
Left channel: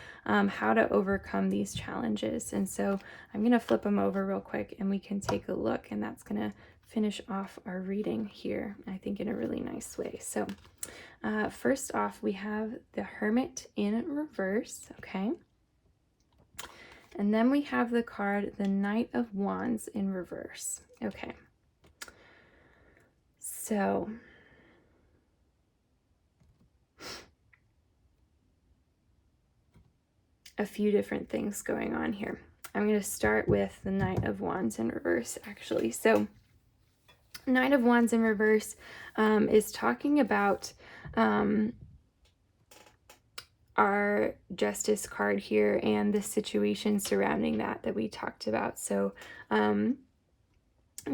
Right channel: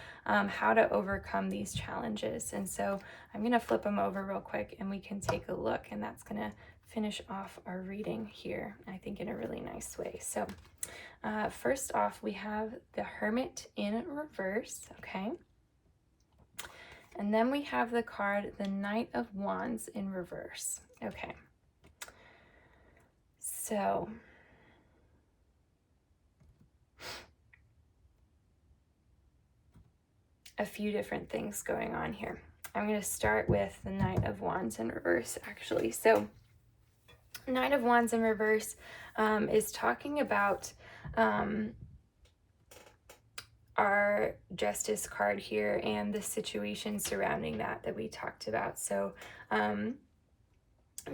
how to overcome these challenges. And so I'm going to flip them over real quick and we can take a look, and that's going to finish off our reading here, I think, in a really nice way. So first off, we have the Hermit in reverse, okay? And then we have the card, the Knight of Wands in reverse. Okay. So a few different things going on here. I'm going to start with the Knight of Wands in reverse, actually. So Knight of Wands in reverse is talking about our Justice card here and the situation surrounding that we talked about. So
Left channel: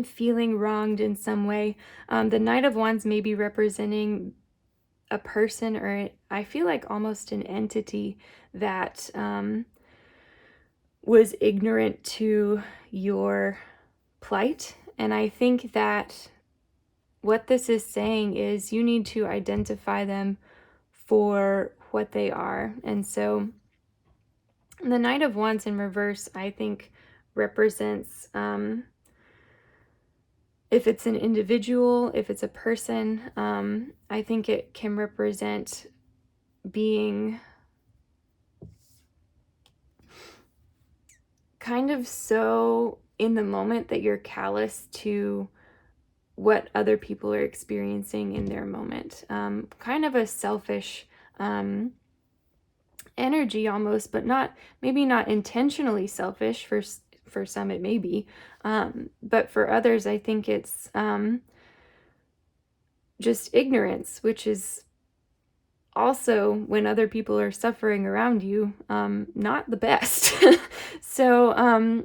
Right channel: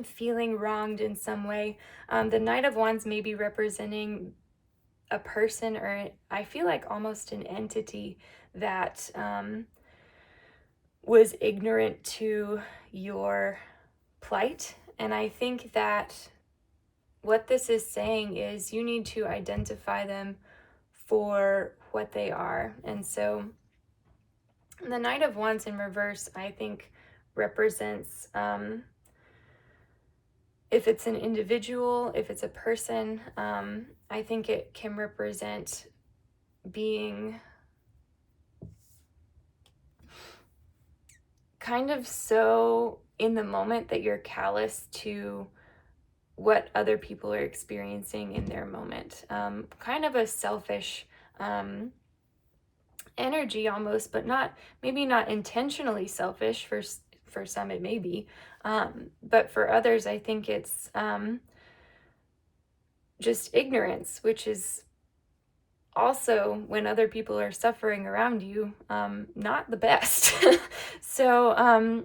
feeling wronged in some way. The Knight of Wands may be representing a person, or I feel like almost an entity that was ignorant to your plight. And I think that what this is saying is you need to identify them for what they are. And so the Knight of Wands in reverse, I think, represents if it's an individual, if it's a person, I think it can represent being kind of so in the moment that you're callous to what other people are experiencing in their moment. Kind of a selfish energy almost, but maybe not intentionally selfish. For some it may be, but for others I think it's just ignorance, which is also, when other people are suffering around you, not the best. So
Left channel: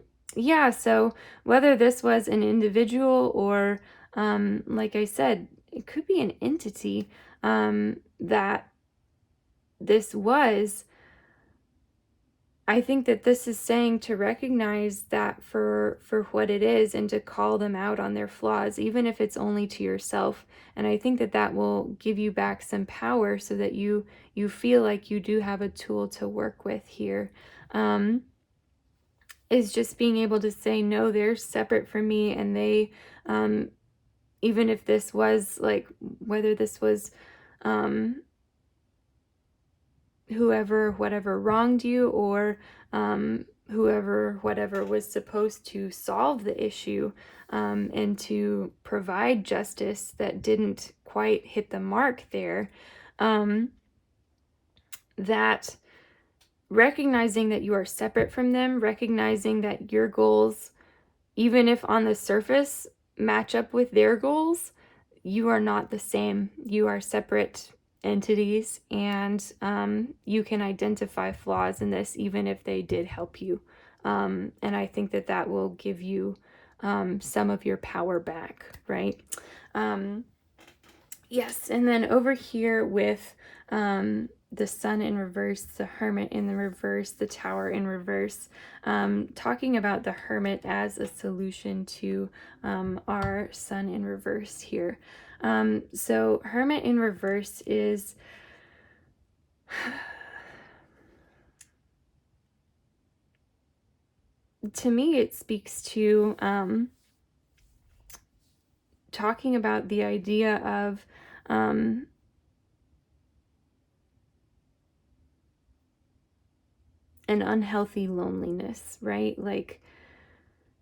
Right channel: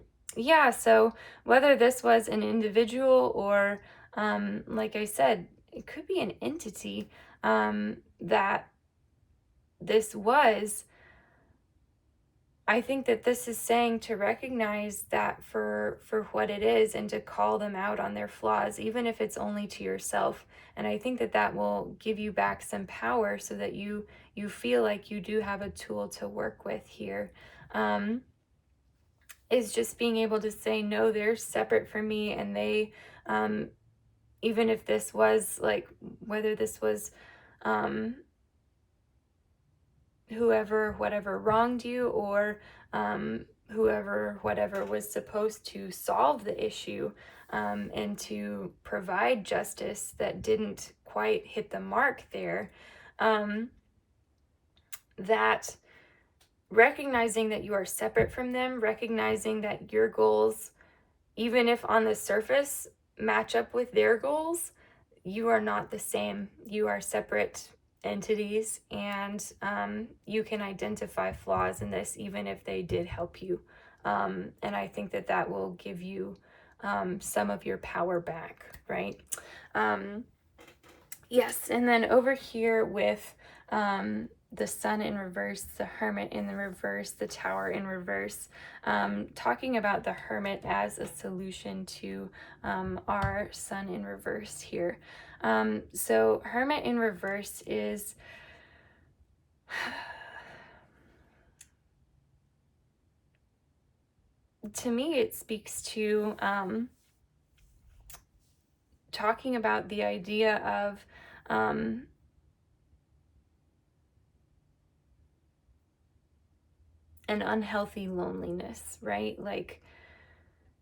so whether this was an individual or like I said, it could be an entity that this was. I think that this is saying to recognize that for what it is, and to call them out on their flaws, even if it's only to yourself. And I think that that will give you back some power, so that you feel like you do have a tool to work with here. Is just being able to say, no, they're separate from me, and they, even if this was like, whether this was whoever, whatever wronged you, or whoever, whatever was supposed to solve the issue and to provide justice that didn't quite hit the mark there, that recognizing that you are separate from them, recognizing that your goals, even if on the surface match up with their goals, you are not the same. You are separate entities, and you can identify flaws in this even if they did help you. And I think that that will give you some of your power back, right? Yes, and then over here with the sun in reverse, the hermit in the reverse, the tower in reverse, talking about the hermit as a solution to our sun in reverse here. So hermit in reverse is to me, it speaks to talking about the idea of an unhealthy loneliness, right? Like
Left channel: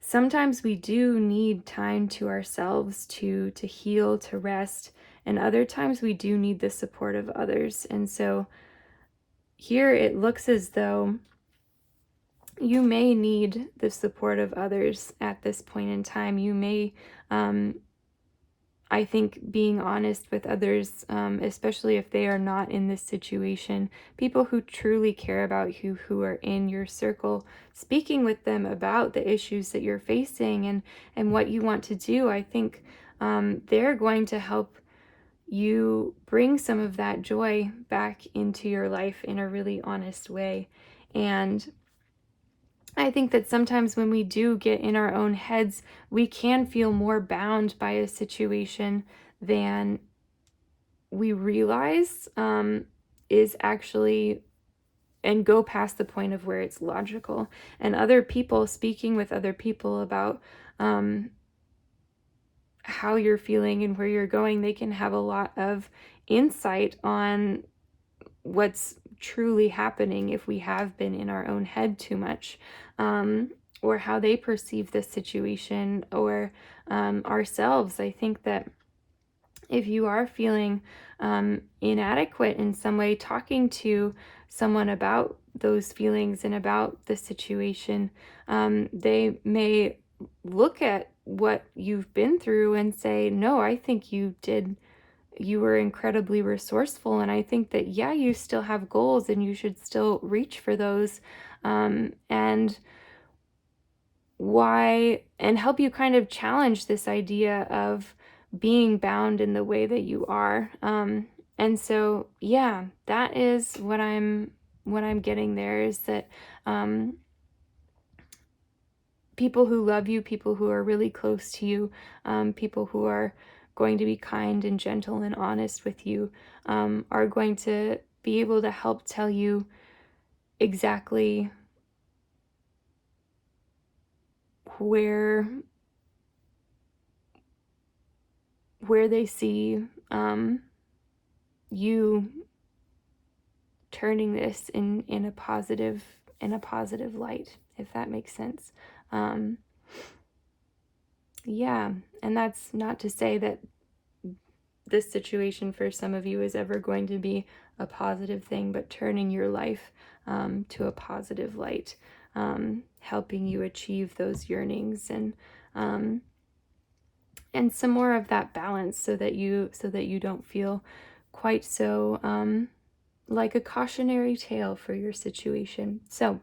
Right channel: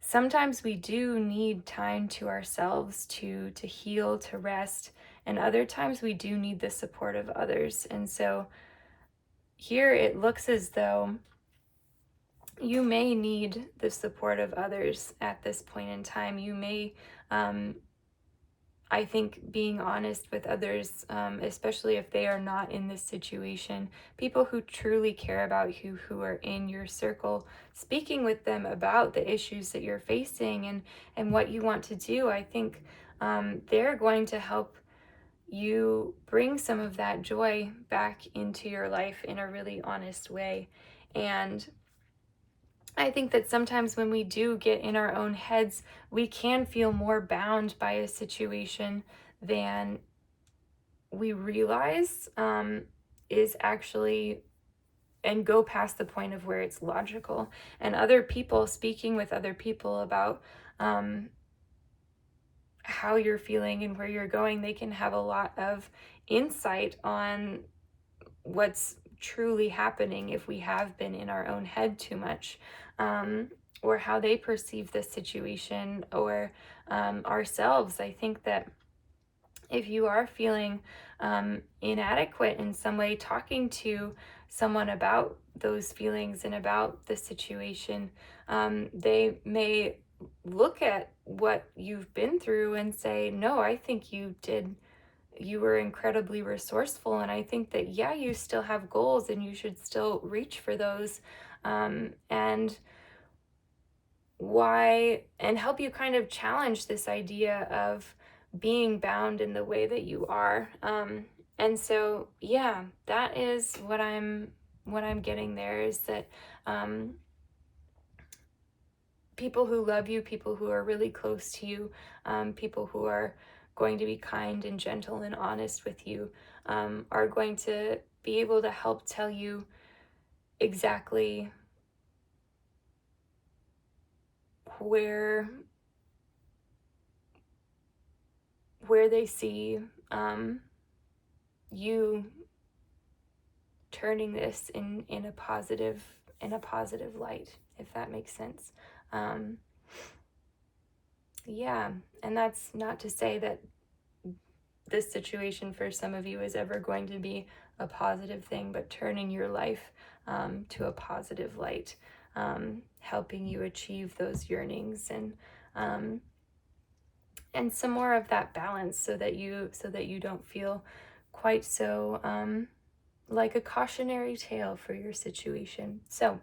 sometimes we do need time to ourselves to heal, to rest, and other times we do need the support of others. And so here it looks as though you may need the support of others at this point in time. You may I think being honest with others, especially if they are not in this situation, people who truly care about you, who are in your circle, speaking with them about the issues that you're facing and what you want to do, I think they're going to help you bring some of that joy back into your life in a really honest way. And I think that sometimes when we do get in our own heads, we can feel more bound by a situation than we realize is actually, and go past the point of where it's logical. And other people, speaking with other people about how you're feeling and where you're going, they can have a lot of insight on what's truly happening if we have been in our own head too much, or how they perceive this situation, or ourselves. I think that if you are feeling inadequate in some way, talking to someone about those feelings and about the situation, they may look at what you've been through and say, no, I think you were incredibly resourceful, and I think that, yeah, you still have goals and you should still reach for those, and why, and help you kind of challenge this idea of being bound in the way that you are. And so, yeah, that is what I'm getting there, is that people who love you, people who are really close to you, people who are going to be kind and gentle and honest with you, are going to be able to help tell you exactly where they see you turning this in a positive light, if that makes sense. Yeah, and that's not to say that this situation for some of you is ever going to be a positive thing, but turning your life to a positive light, helping you achieve those yearnings, and some more of that balance, so that you don't feel quite so like a cautionary tale for your situation. So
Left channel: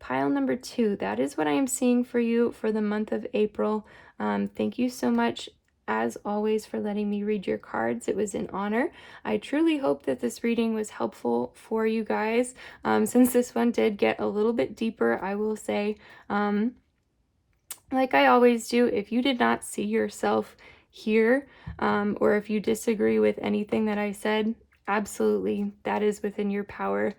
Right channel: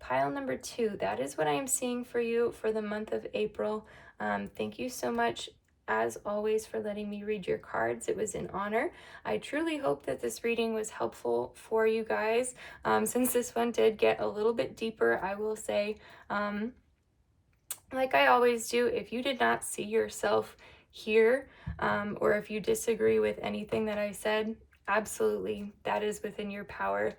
pile number 2, that is what I am seeing for you for the month of April. Thank you so much, as always, for letting me read your cards. It was an honor. I truly hope that this reading was helpful for you guys. Since this one did get a little bit deeper, I will say, like I always do, if you did not see yourself here, or if you disagree with anything that I said, absolutely, that is within your power.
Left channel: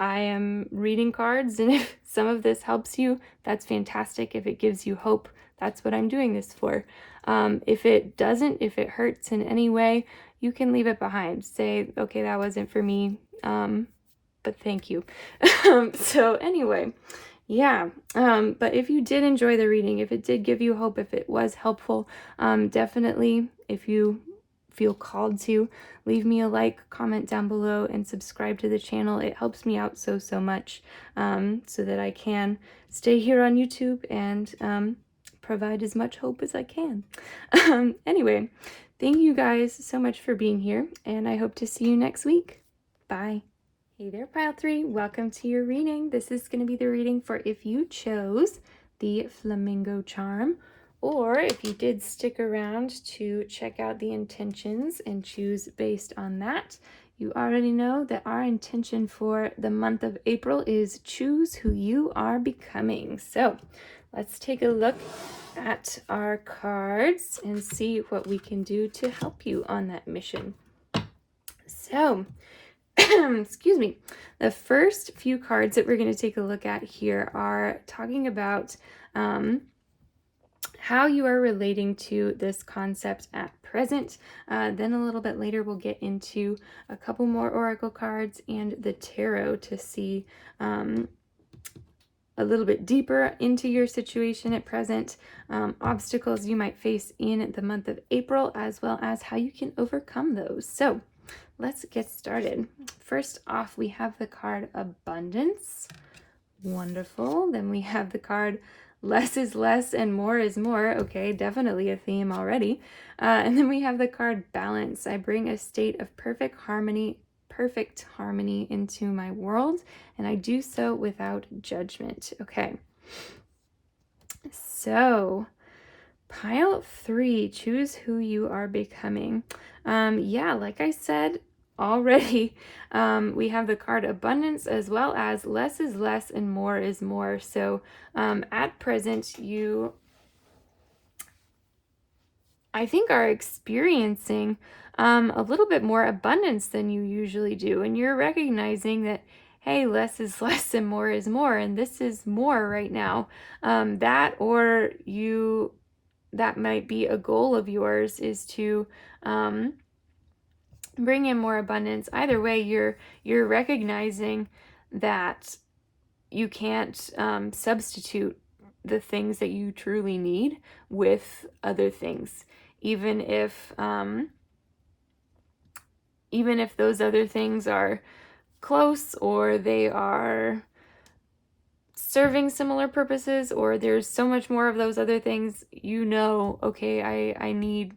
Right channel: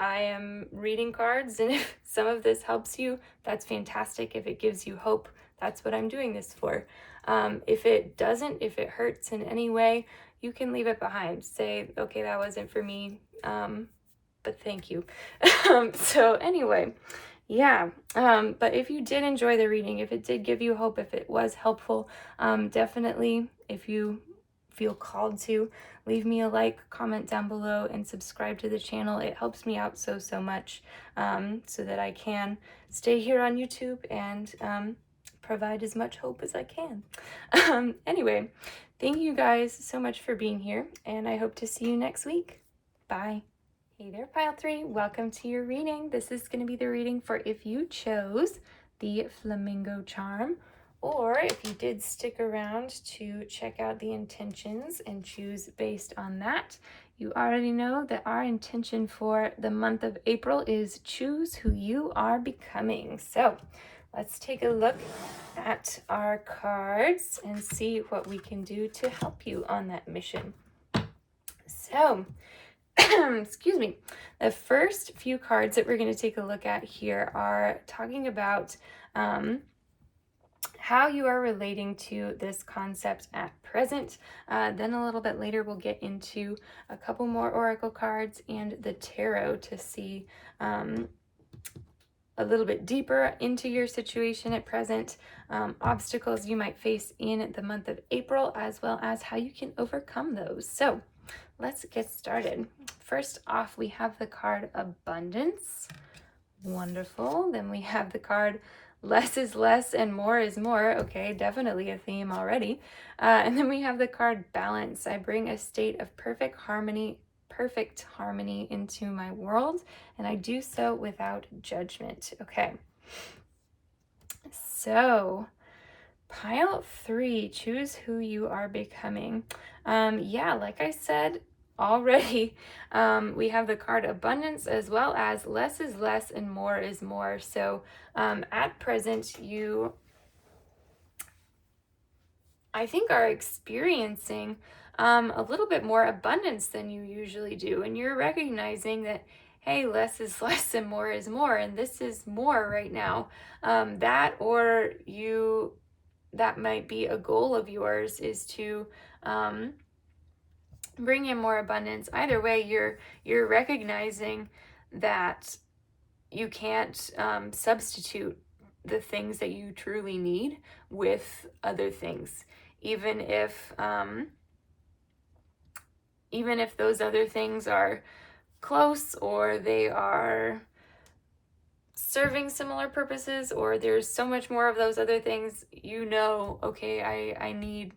I am reading cards, and if some of this helps you, that's fantastic. If it gives you hope, that's what I'm doing this for. If it doesn't, if it hurts in any way, you can leave it behind. Say, okay, that wasn't for me, but thank you. So anyway, yeah, but if you did enjoy the reading, if it did give you hope, if it was helpful, definitely, if you feel called to, leave me a like, comment down below, and subscribe to the channel. It helps me out so much, so that I can stay here on YouTube and provide as much hope as I can. Anyway, thank you guys so much for being here, and I hope to see you next week. Bye. Hey there, Pile 3. Welcome to your reading. This is going to be the reading for if you chose the Flamingo Charm, or if you did stick around to check out the intentions and choose based on that. You already know that our intention for the month of April is choose who you are becoming. So let's take a look at our cards and see what we can do to help you on that mission. So, excuse me, the first few cards that we're going to take a look at here are talking about how you are relating to this concept at present. Then a little bit later we'll get into a couple more oracle cards and the tarot to see a little bit deeper into your situation at present, obstacles you might face in the month of April, as well as how you can overcome those. So let's get started. First off, we have the card Abundance. Wonderful. Then we have the card Less is Less and More is More. Okay, definitely a theme already. And then we have the card Balance. I bring a state of perfect harmony into my world, and I do so without judgment. Okay. So, Pile 3, choose who you are becoming. Yeah, like I said already, we have the card Abundance as well as Less is Less and More is More. So at present, you, I think, are experiencing a little bit more abundance than you usually do. And you're recognizing that, hey, less is less and more is more. And this is more right now. That might be a goal of yours, is to bring in more abundance. Either way, you're recognizing that you can't substitute the things that you truly need with other things, even if those other things are close, or they are serving similar purposes, or there's so much more of those other things. You know, okay, I need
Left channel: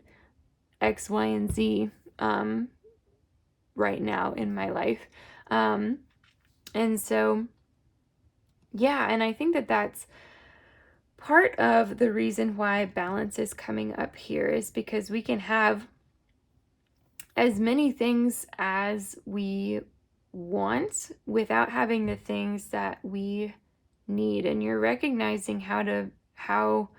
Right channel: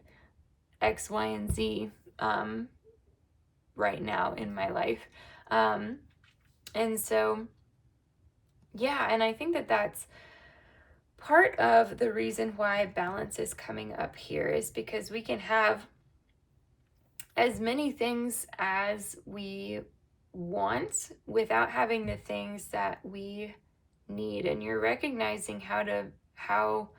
X, Y, and Z right now in my life. And so, yeah, and I think that that's part of the reason why balance is coming up here, is because we can have as many things as we want without having the things that we need. And you're recognizing how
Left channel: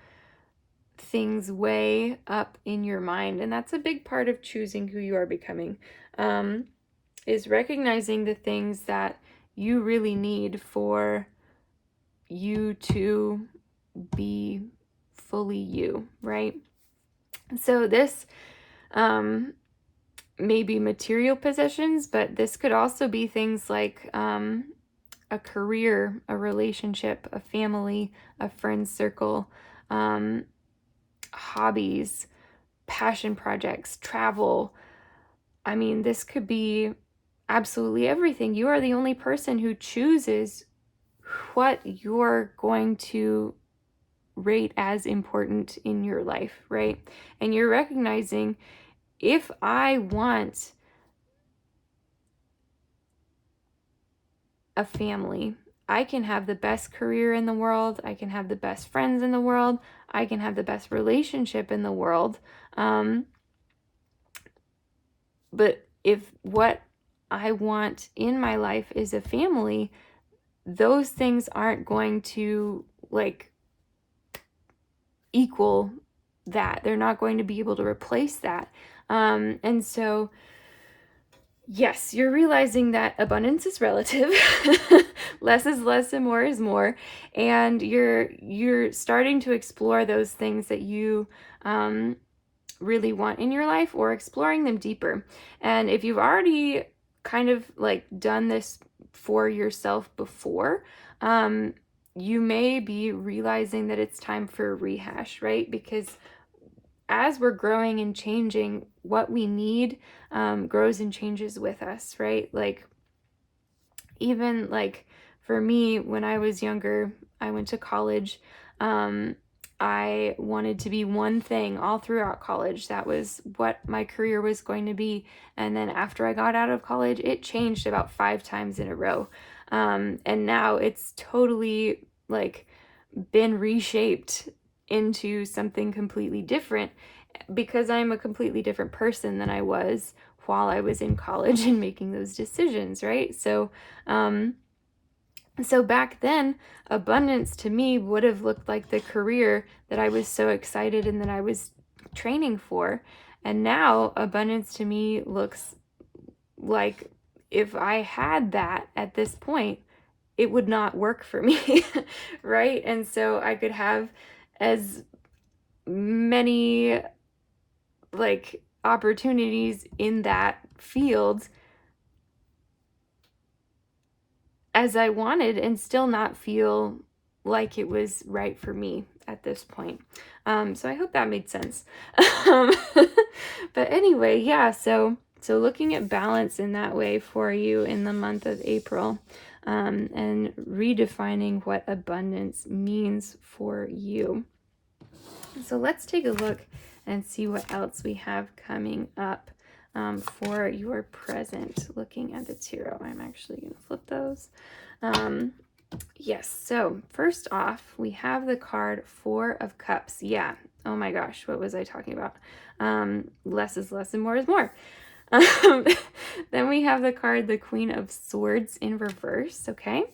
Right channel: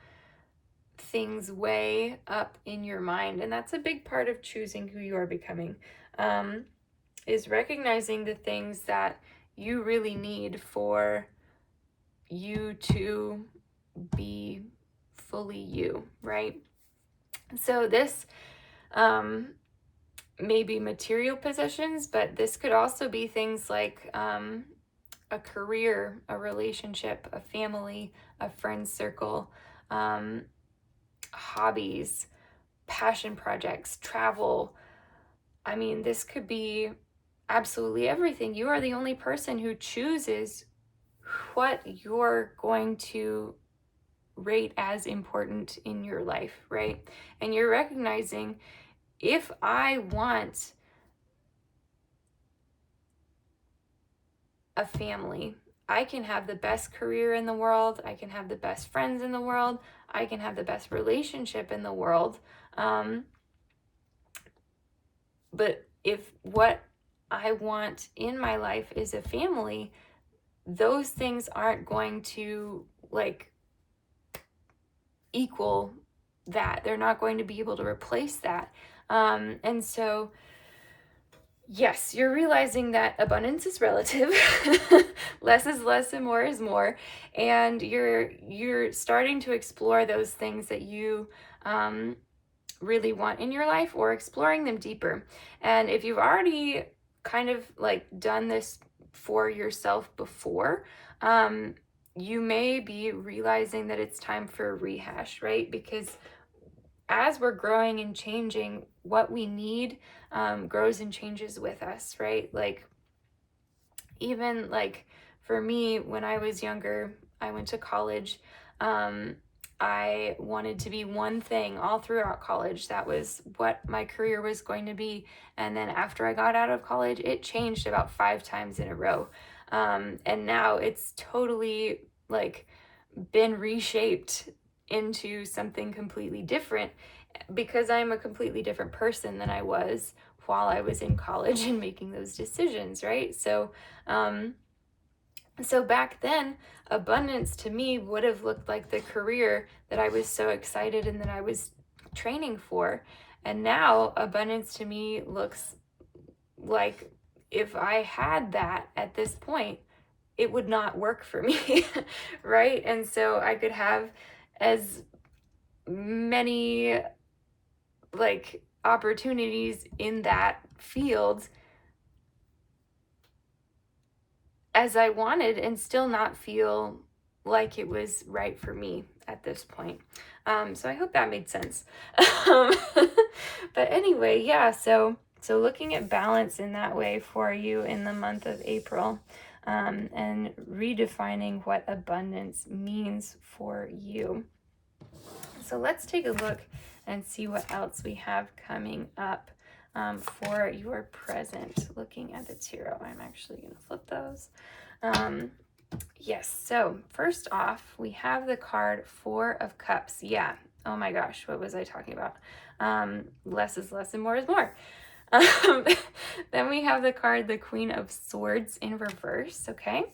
things weigh up in your mind. And that's a big part of choosing who you are becoming, is recognizing the things that you really need for you to be fully you, right? So this may be material possessions, but this could also be things like a career, a relationship, a family, a friend circle, hobbies, passion projects, travel. I mean, this could be absolutely everything. You are the only person who chooses what you're going to rate as important in your life, right? And you're recognizing, if I want a family, I can have the best career in the world, I can have the best friends in the world, I can have the best relationship in the world, but if what I want in my life is a family, those things aren't going to equal that. They're not going to be able to replace that. And so, yes, you're realizing that abundance is relative. Less is less and more is more. And you're starting to explore those things that you really want in your life, or exploring them deeper. And if you've already kind of done this for yourself before, you may be realizing that it's time for a rehash, right? Because as we're growing and changing, what we need grows and changes with us, right? Like, even like for me, when I was younger, I went to college. Um, I wanted to be one thing all throughout college. That was what my career was going to be. And then after I got out of college, it changed about 5 times in a row. And now it's totally like been reshaped into something completely different because I'm a completely different person than I was while I was in college and making those decisions, right? Um, so back then, abundance to me would have looked like the career that I was so excited and that I was training for. And now, abundance to me looks like if I had that at this point, it would not work for me, right? And so I could have as many like opportunities in that field as I wanted and still not feel like it was right for me at this point. So I hope that made sense. um, but anyway, yeah, so looking at balance in that way for you in the month of April, and redefining what abundance means for you. So let's take a look and see what else we have coming up for your present. Looking at the tarot, I'm actually going to flip those. Yes, so first off, we have the card Four of Cups. Yeah, oh my gosh, what was I talking about? Less is less and more is more. Then we have the card the Queen of Swords in reverse, okay?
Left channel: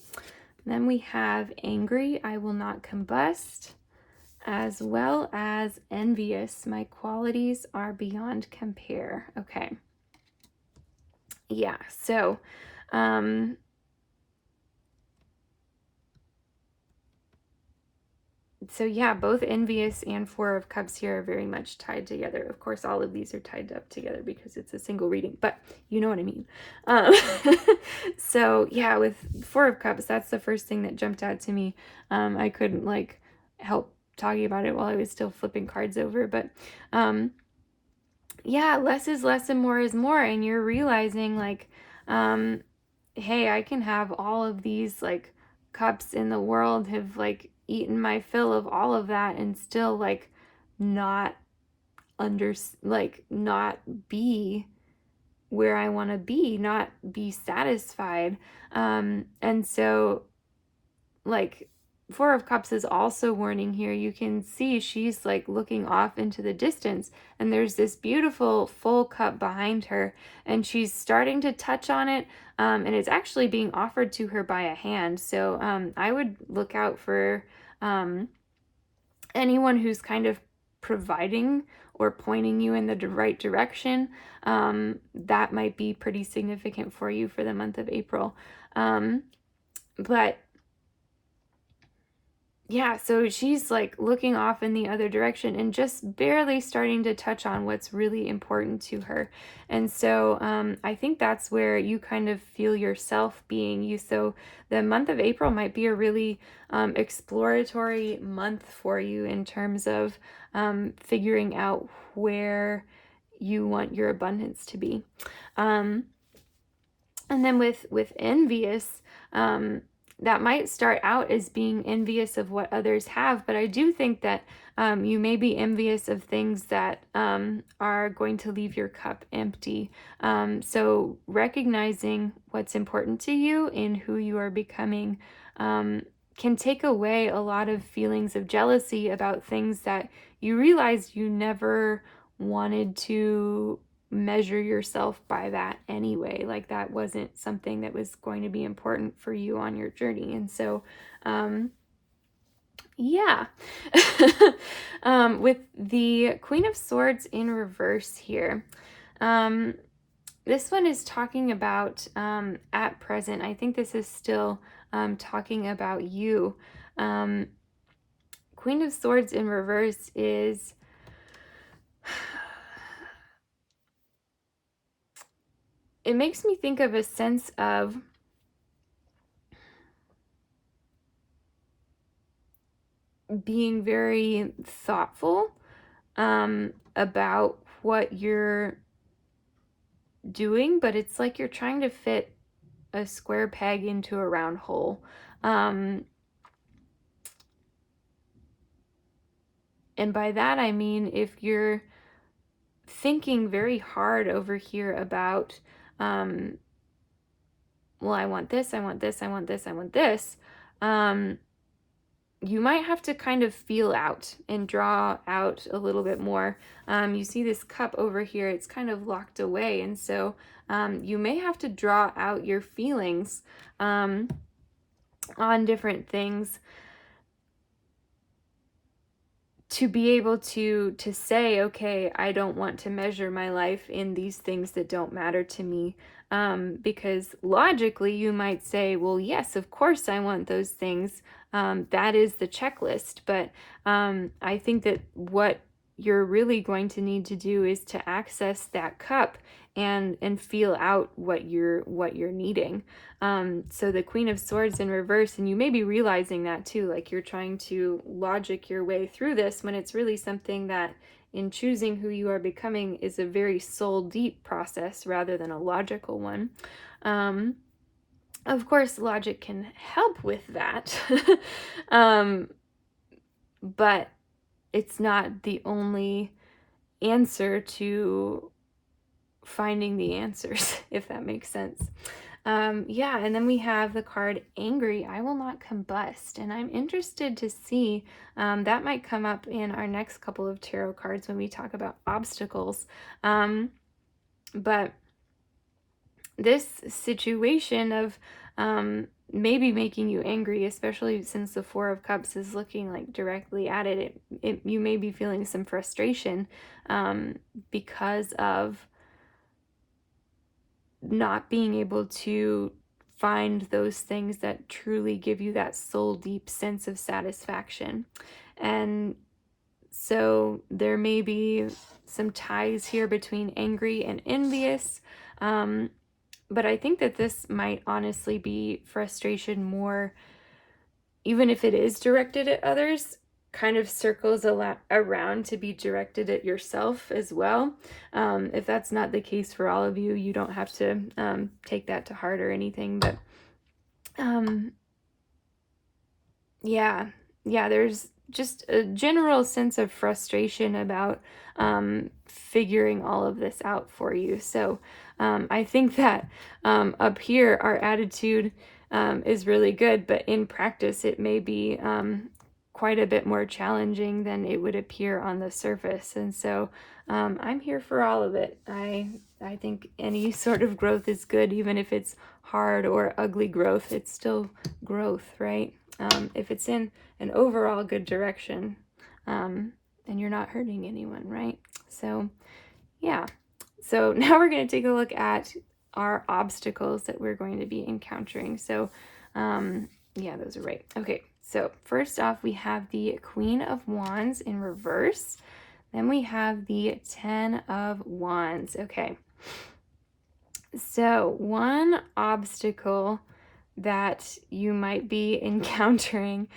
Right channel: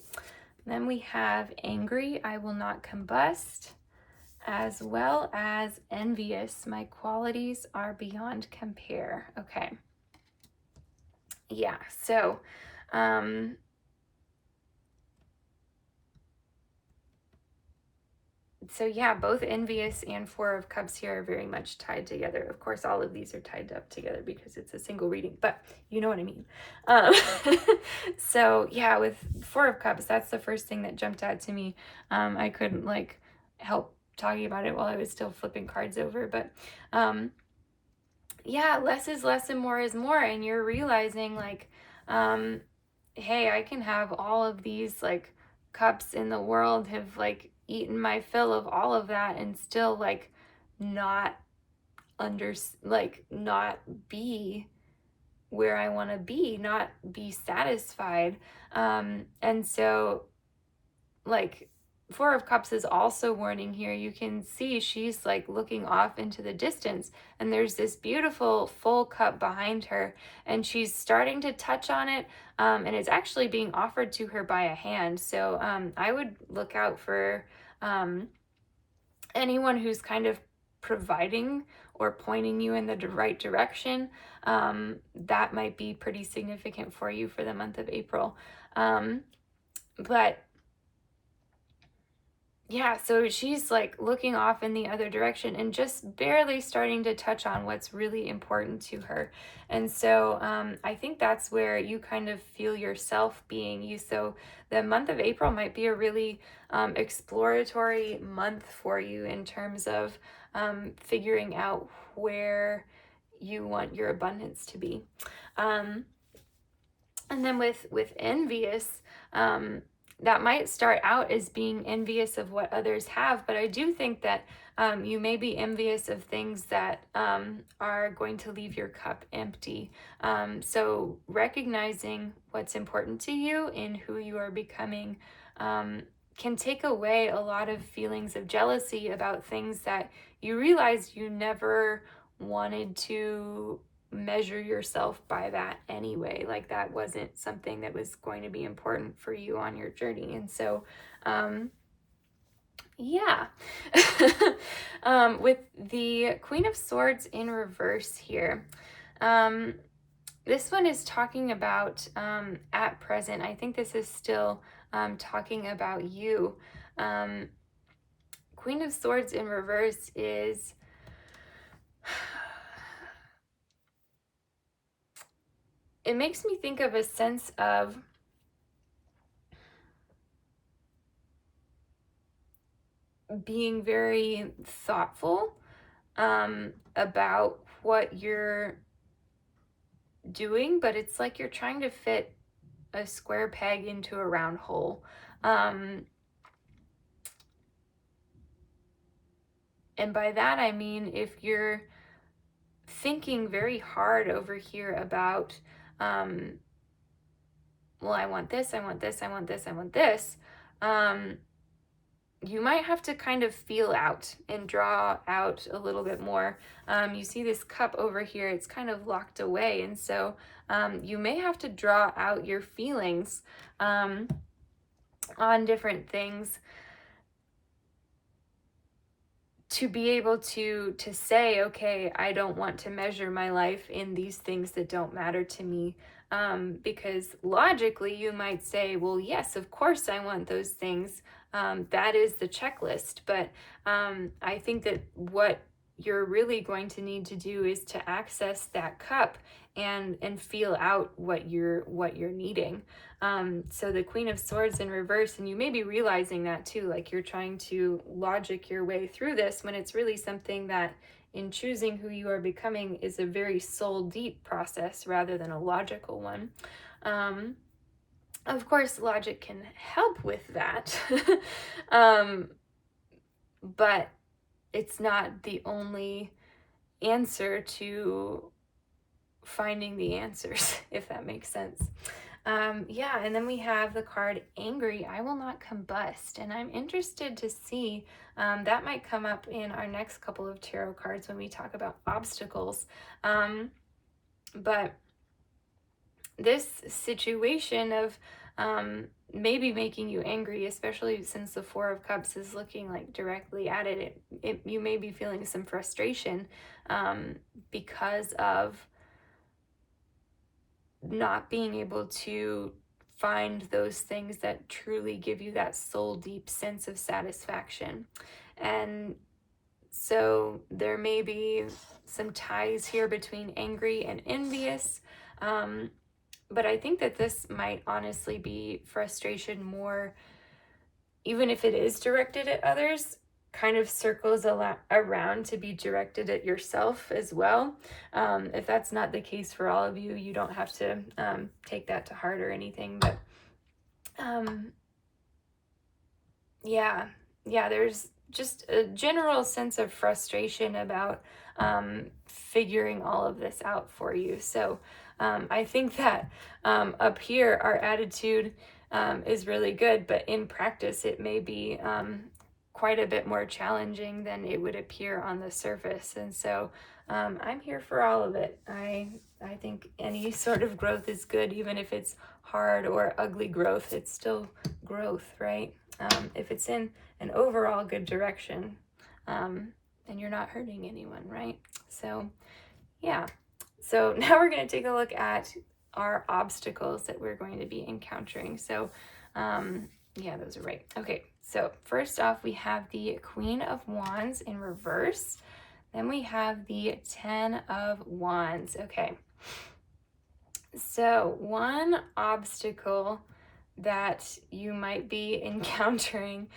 Then we have Angry, I Will Not Combust, as well as Envious, My Qualities Are Beyond Compare. Okay. Yeah, so yeah, both Envious and Four of Cups here are very much tied together. Of course, all of these are tied up together because it's a single reading, but you know what I mean. Um, so yeah, with Four of Cups, that's the first thing that jumped out to me. I couldn't like help talking about it while I was still flipping cards over, but yeah, less is less and more is more, and you're realizing like, hey, I can have all of these like cups in the world, have like eaten my fill of all of that and still like not not be where I want to be, not be satisfied. And so like Four of Cups is also warning here. You can see she's like looking off into the distance, and there's this beautiful full cup behind her, and she's starting to touch on it, and it's actually being offered to her by a hand. So I would look out for anyone who's kind of providing or pointing you in the right direction. That might be pretty significant for you for the month of April. But yeah, so she's like looking off in the other direction and just barely starting to touch on what's really important to her. And so I think that's where you kind of feel yourself being you. So the month of April might be a really exploratory month for you in terms of figuring out where you want your abundance to be. And then with envious, that might start out as being envious of what others have, but I do think that you may be envious of things that are going to leave your cup empty. So recognizing what's important to you in who you are becoming can take away a lot of feelings of jealousy about things that you realize you never wanted to measure yourself by that anyway. Like that wasn't something that was going to be important for you on your journey. And so, yeah. With the Queen of Swords in reverse here, this one is talking about at present. I think this is still talking about you. Queen of Swords in reverse is it makes me think of a sense of being very thoughtful about what you're doing, but it's like you're trying to fit a square peg into a round hole. And by that I mean, if you're thinking very hard over here about, well, I want this, I want this, I want this, I want this, you might have to kind of feel out and draw out a little bit more. You see this cup over here, it's kind of locked away, and so you may have to draw out your feelings on different things to be able to say, okay, I don't want to measure my life in these things that don't matter to me. Because logically you might say, well, yes, of course I want those things. That is the checklist. But I think that what you're really going to need to do is to access that cup and feel out what you're needing. So the Queen of Swords in reverse, and you may be realizing that too, like you're trying to logic your way through this when it's really something that, in choosing who you are becoming, is a very soul deep process rather than a logical one. Of course, logic can help with that, but it's not the only answer to finding the answers, if that makes sense. Yeah, and then we have the card Angry, I Will Not Combust, and I'm interested to see, that might come up in our next couple of tarot cards when we talk about obstacles. But this situation of maybe making you angry, especially since the Four of Cups is looking like directly at it, you may be feeling some frustration because of not being able to find those things that truly give you that soul deep sense of satisfaction. And so there may be some ties here between angry and envious. But I think that this might honestly be frustration more, even if it is directed at others, kind of circles around to be directed at yourself as well. If that's not the case for all of you, you don't have to take that to heart or anything. But yeah, there's just a general sense of frustration about figuring all of this out for you. So I think that up here, our attitude is really good, but in practice, it may be quite a bit more challenging than it would appear on the surface. And so I'm here for all of it. I think any sort of growth is good, even if it's hard or ugly growth. It's still growth, right? If it's in an overall good direction, and you're not hurting anyone, right? So yeah. So now we're going to take a look at our obstacles that we're going to be encountering. So yeah, those are right. Okay, so first off, we have the Queen of Wands in reverse. Then we have the Ten of Wands. Okay. So one obstacle that you might be encountering.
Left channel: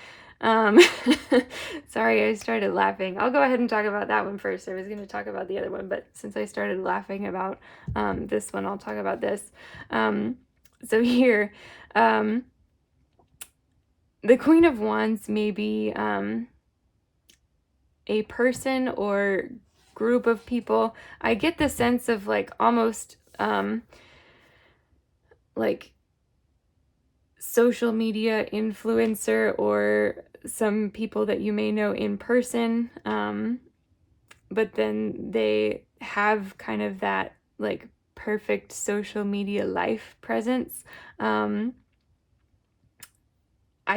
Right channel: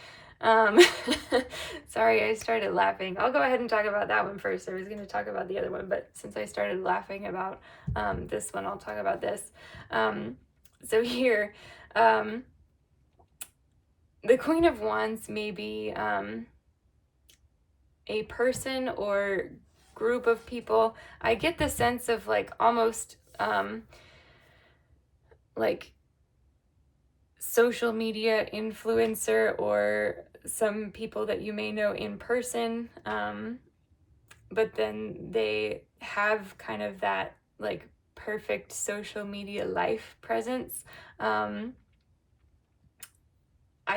Sorry, I started laughing. I'll go ahead and talk about that one first. I was going to talk about the other one, but since I started laughing about this one, I'll talk about this. So here, the Queen of Wands may be a person or group of people. I get the sense of like almost like social media influencer or some people that you may know in person, but then they have kind of that like perfect social media life presence. I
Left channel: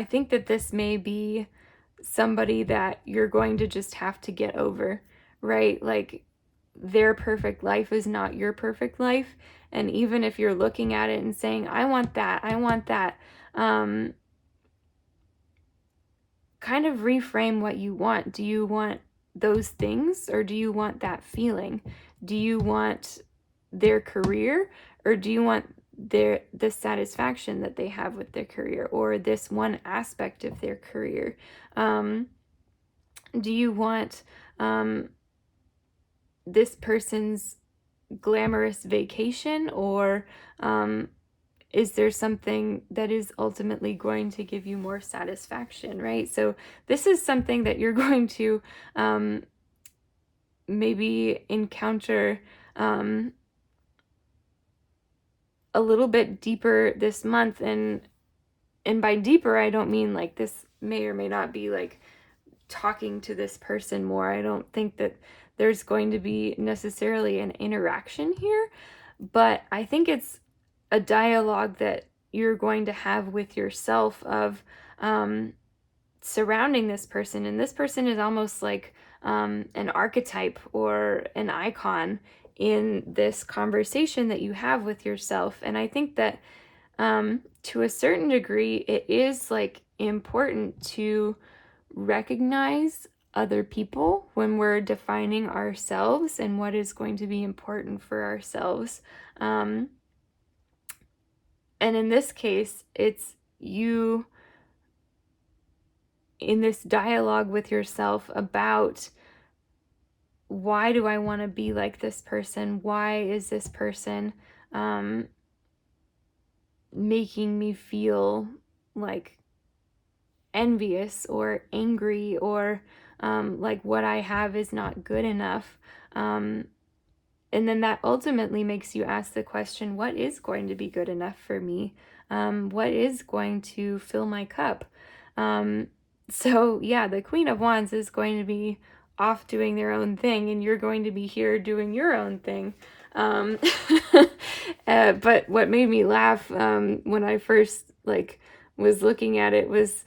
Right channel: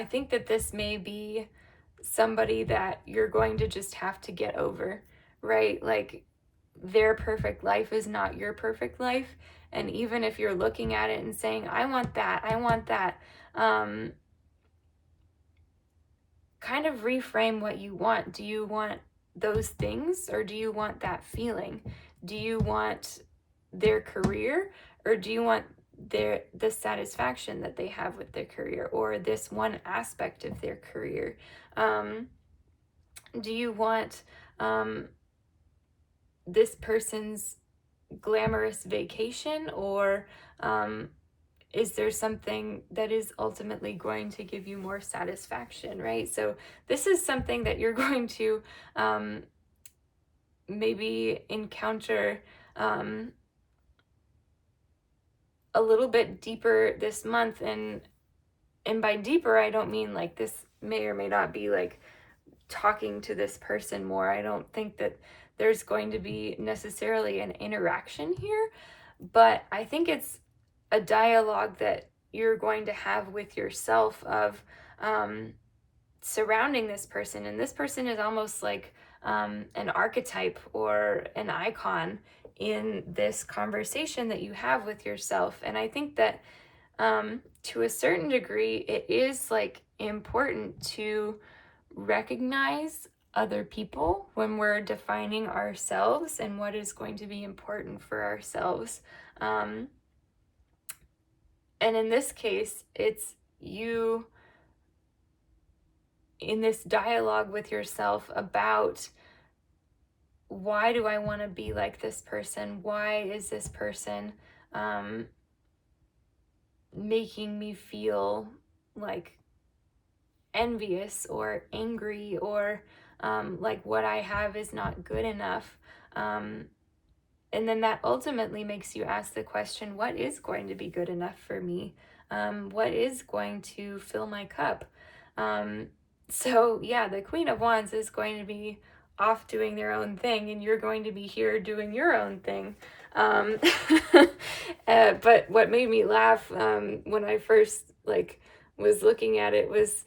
think that this may be somebody that you're going to just have to get over, right? Like their perfect life is not your perfect life. And even if you're looking at it and saying, I want that, kind of reframe what you want. Do you want those things, or do you want that feeling? Do you want their career, or do you want the satisfaction that they have with their career, or this one aspect of their career? Do you want this person's glamorous vacation, or is there something that is ultimately going to give you more satisfaction, right? So this is something that you're going to maybe encounter a little bit deeper this month. And by deeper, I don't mean like this may or may not be like talking to this person more. I don't think that there's going to be necessarily an interaction here, but I think it's a dialogue that you're going to have with yourself of surrounding this person. And this person is almost like an archetype or an icon in this conversation that you have with yourself. And I think that to a certain degree, it is like important to recognize other people when we're defining ourselves and what is going to be important for ourselves. And in this case, it's you in this dialogue with yourself about, why do I want to be like this person? Why is this person making me feel like envious or angry, or like what I have is not good enough? And then that ultimately makes you ask the question, what is going to be good enough for me? What is going to fill my cup? So yeah, the Queen of Wands is going to be off doing their own thing, and you're going to be here doing your own thing. But what made me laugh when I first like was looking at it was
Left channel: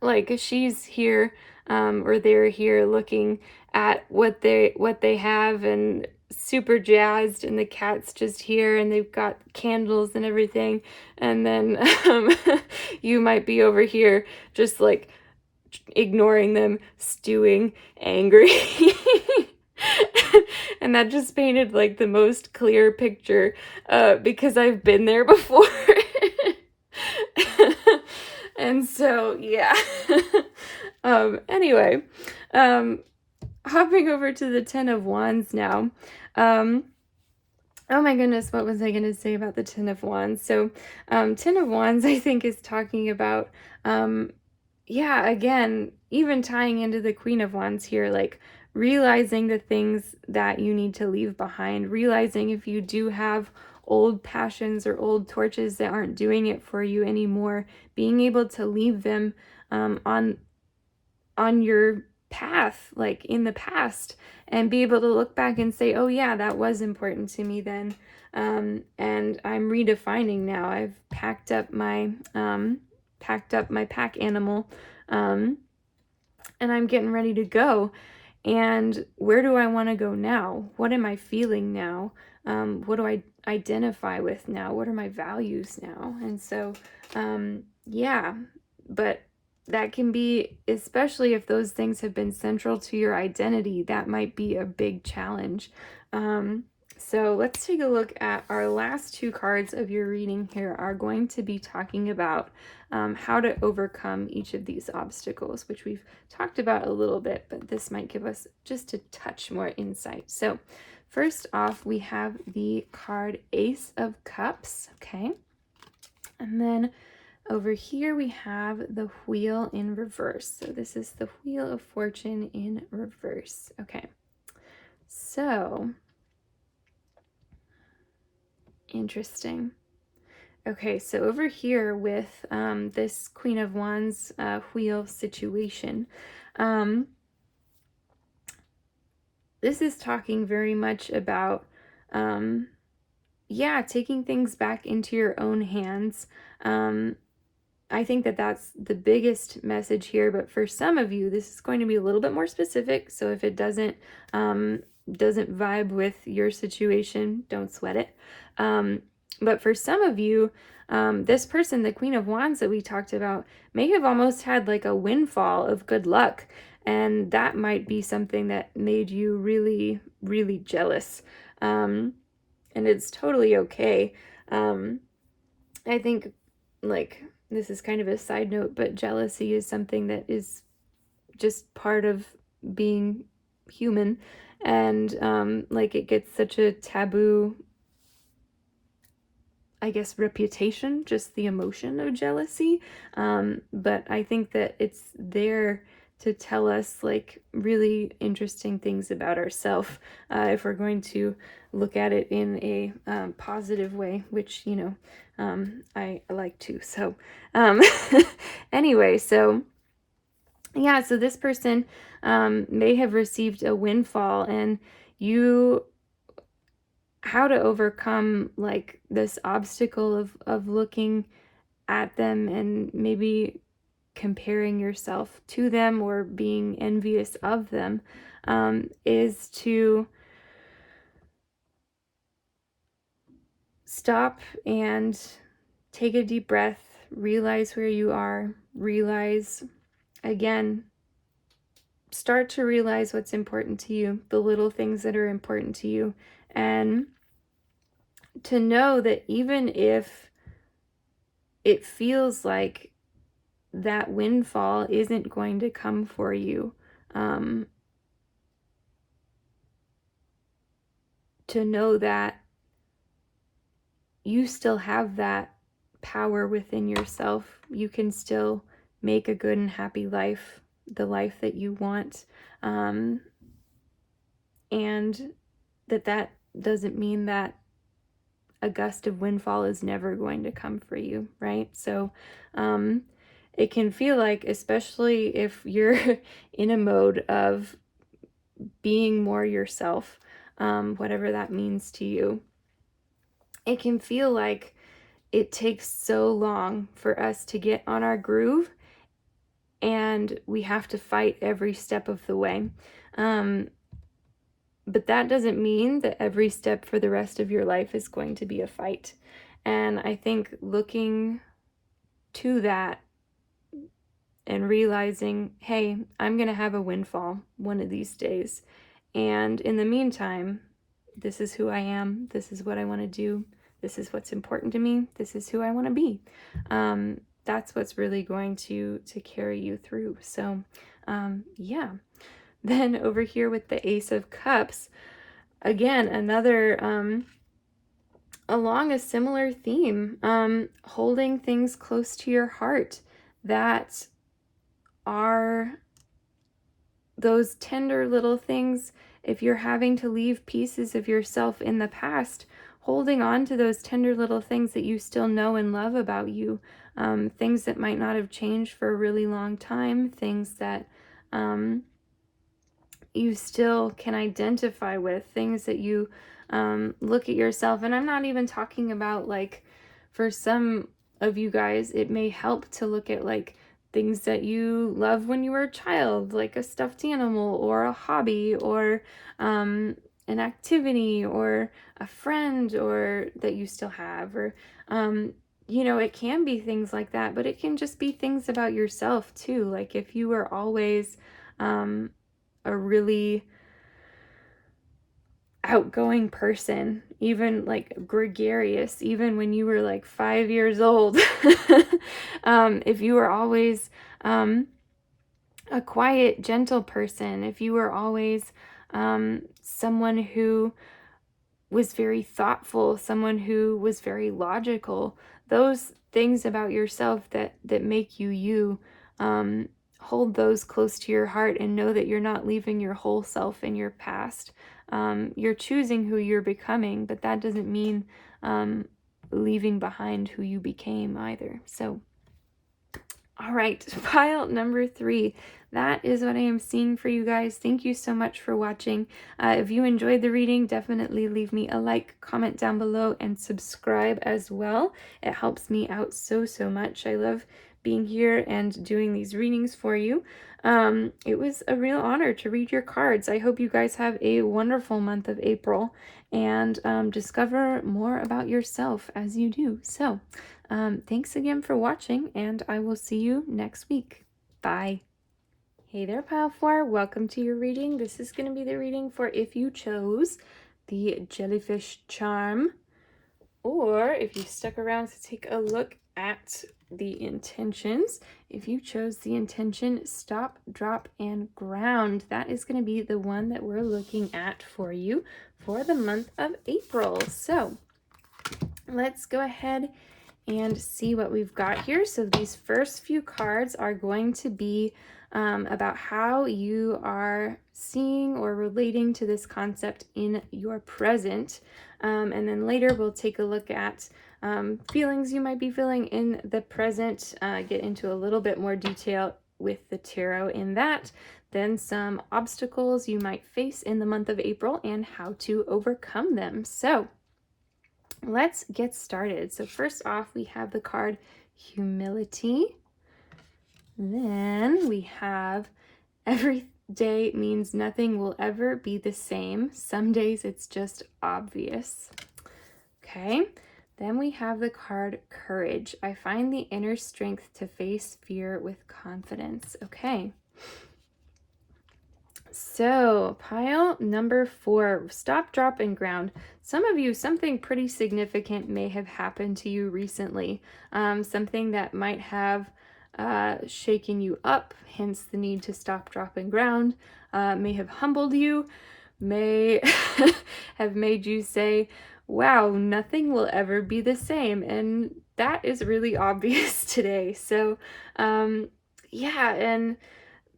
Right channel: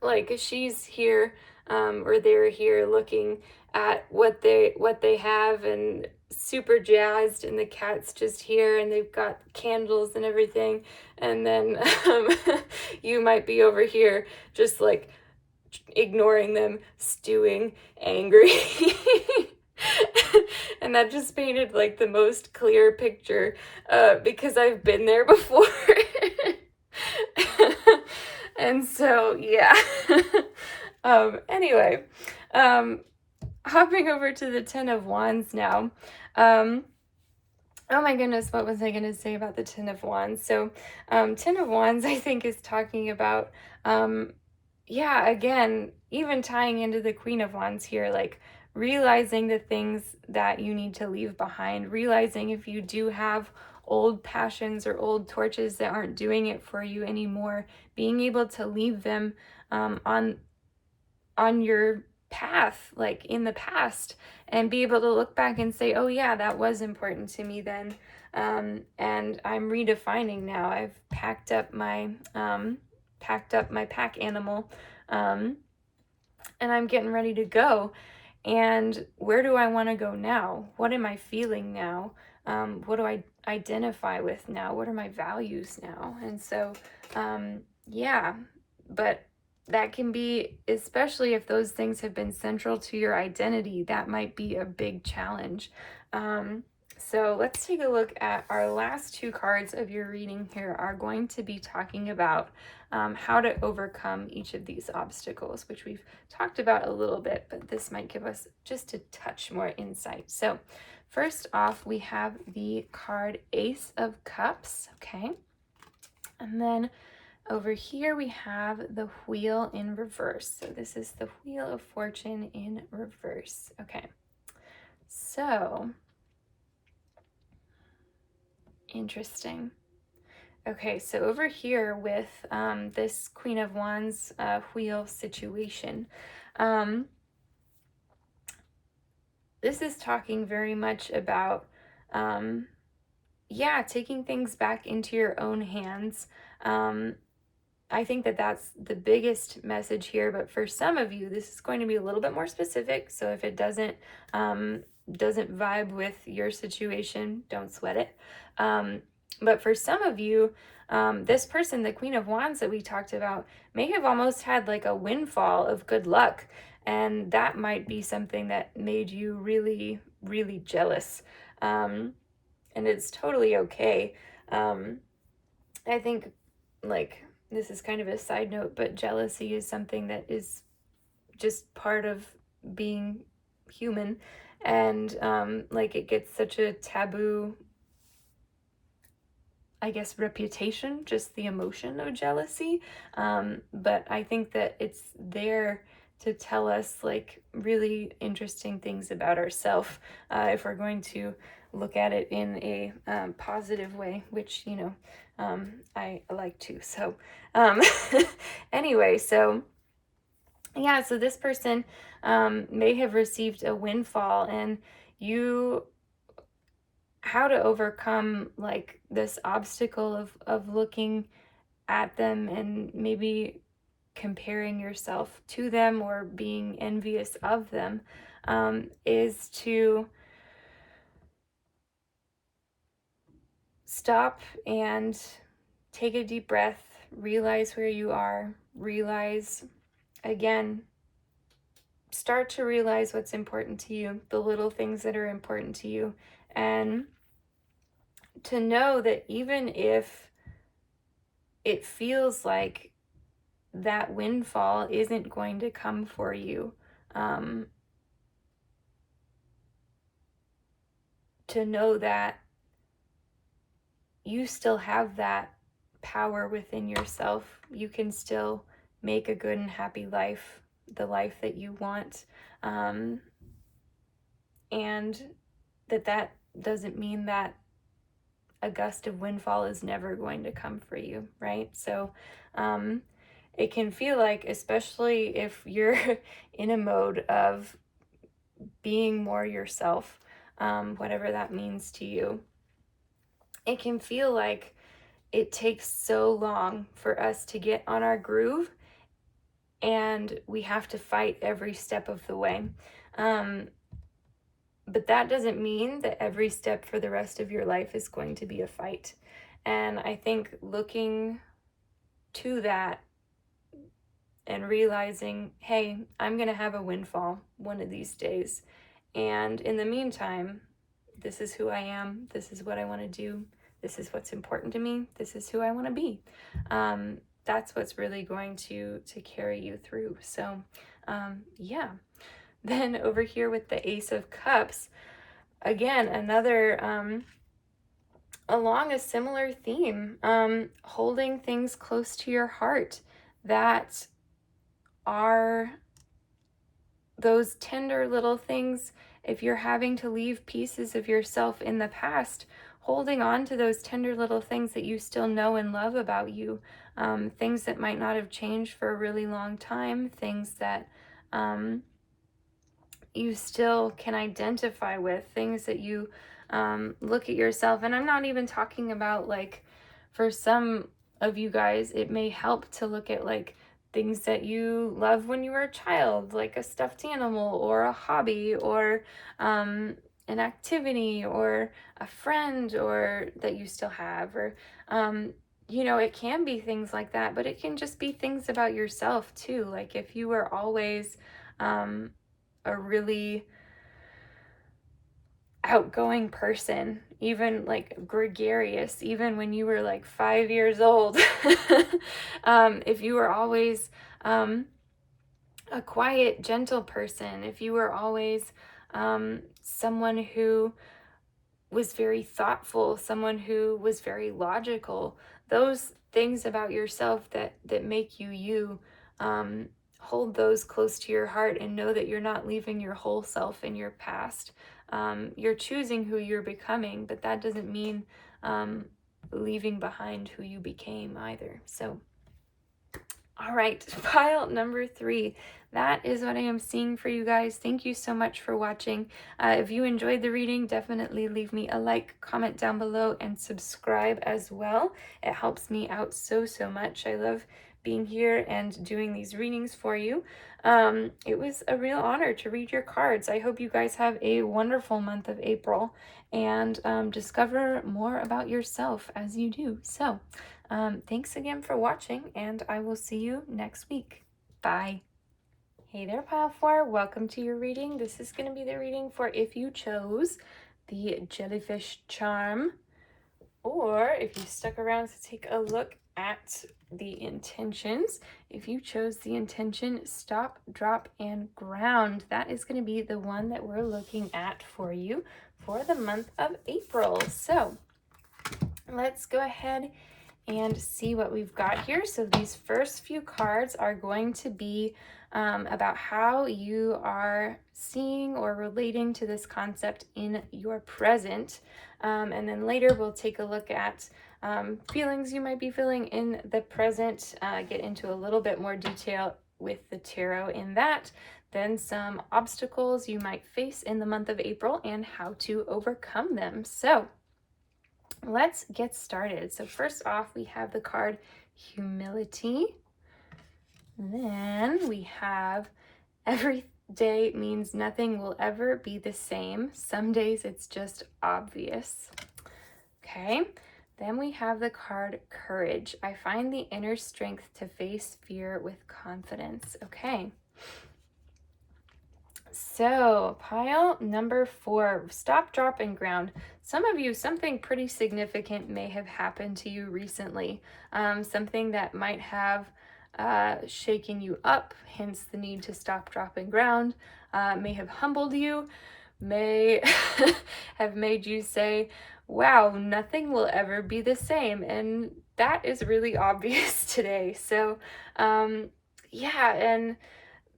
like she's here or they're here looking at what they have and super jazzed, and the cat's just here and they've got candles and everything, and then you might be over here just like ignoring them, stewing, angry. And that just painted like the most clear picture because I've been there before. And so, yeah. Anyway, hopping over to the Ten of Wands now. Oh my goodness, what was I going to say about the Ten of Wands? So, Ten of Wands, I think, is talking about, yeah, again, even tying into the Queen of Wands here, like realizing the things that you need to leave behind, realizing if you do have old passions or old torches that aren't doing it for you anymore, being able to leave them on your path, like in the past, and be able to look back and say, oh yeah, that was important to me then, and I'm redefining now. I've packed up my pack animal, and I'm getting ready to go. And where do I want to go now? What am I feeling now? What do I identify with now? What are my values now? And so, yeah, but that can be, especially if those things have been central to your identity, that might be a big challenge. So let's take a look at our last two cards of your reading here are going to be talking about how to overcome each of these obstacles, which we've talked about a little bit, but this might give us just a touch more insight. So first off, we have the card Ace of Cups, okay? And then over here we have the Wheel in reverse. So this is the Wheel of Fortune in reverse. Okay, so interesting. Okay, so over here with this Queen of Wands wheel situation, this is talking very much about, yeah, taking things back into your own hands. I think that that's the biggest message here, but for some of you, this is going to be a little bit more specific. So if it doesn't vibe with your situation, don't sweat it. But for some of you, this person, the Queen of Wands that we talked about, may have almost had like a windfall of good luck. And that might be something that made you really, really jealous. And it's totally okay. I think, like, this is kind of a side note, but jealousy is something that is just part of being human, and like it gets such a taboo, I guess, reputation, just the emotion of jealousy. But I think that it's there to tell us like really interesting things about ourselves, if we're going to look at it in a positive way, which, I like to. So, um, anyway, so yeah, so this person may have received a windfall, and you how to overcome like this obstacle of looking at them and maybe comparing yourself to them or being envious of them, is to stop and take a deep breath, realize where you are, realize again, start to realize what's important to you, the little things that are important to you, and to know that even if it feels like that windfall isn't going to come for you, um, to know that you still have that power within yourself. You can still make a good and happy life, the life that you want, um, and that doesn't mean that a gust of windfall is never going to come for you, right? So um, it can feel like, especially if you're in a mode of being more yourself, whatever that means to you, it can feel like it takes so long for us to get on our groove, and we have to fight every step of the way. Um, but that doesn't mean that every step for the rest of your life is going to be a fight. And I think looking to that and realizing, hey, I'm going to have a windfall one of these days. And in the meantime, this is who I am. This is what I want to do. This is what's important to me. This is who I want to be. That's what's really going to carry you through. So, yeah. Then over here with the Ace of Cups, again, another along a similar theme, holding things close to your heart that are those tender little things. If you're having to leave pieces of yourself in the past, holding on to those tender little things that you still know and love about you, things that might not have changed for a really long time, things that you still can identify with, things that you look at yourself. And I'm not even talking about, like, for some of you guys, it may help to look at like things that you love when you were a child, like a stuffed animal or a hobby or an activity or a friend or that you still have, or it can be things like that, but it can just be things about yourself too. Like if you were always a really outgoing person, even like gregarious, even when you were like 5 years old, if you were always a quiet, gentle person, if you were always someone who was very thoughtful, someone who was very logical, those things about yourself that make you you, hold those close to your heart and know that you're not leaving your whole self in your past. You're choosing who you're becoming, but that doesn't mean leaving behind who you became either. So all right, pile number 3. That is what I am seeing for you guys. Thank you so much for watching. If you enjoyed the reading, definitely leave me a like, comment down below, and subscribe as well. It helps me out so much. I love being here and doing these readings for you. It was a real honor to read your cards. I hope you guys have a wonderful month of April and discover more about yourself as you do. So, thanks again for watching, and I will see you next week. Bye. Hey there, Pile 4. Welcome to your reading. This is going to be the reading for if you chose the Jellyfish Charm, or if you stuck around to take a look at the intentions. If you chose the intention stop, drop, and ground, that is going to be the one that we're looking at for you for the month of April. So let's go ahead and see what we've got here. So these first few cards are going to be about how you are seeing or relating to this concept in your present. And then later we'll take a look at feelings you might be feeling in the present, get into a little bit more detail with the tarot in that, then some obstacles you might face in the month of April and how to overcome them. So let's get started. So first off, we have the card Humility. Then we have Every day means nothing will ever be the same. Some days it's just obvious. Okay. Then we have the card Courage. I find the inner strength to face fear with confidence. Okay. So pile number 4, stop, drop, and ground. Some of you, something pretty significant may have happened to you recently. Something that might have shaken you up, hence the need to stop, drop, and ground. May have humbled you, may have made you say, wow, nothing will ever be the same. And that is really obvious today. So yeah, and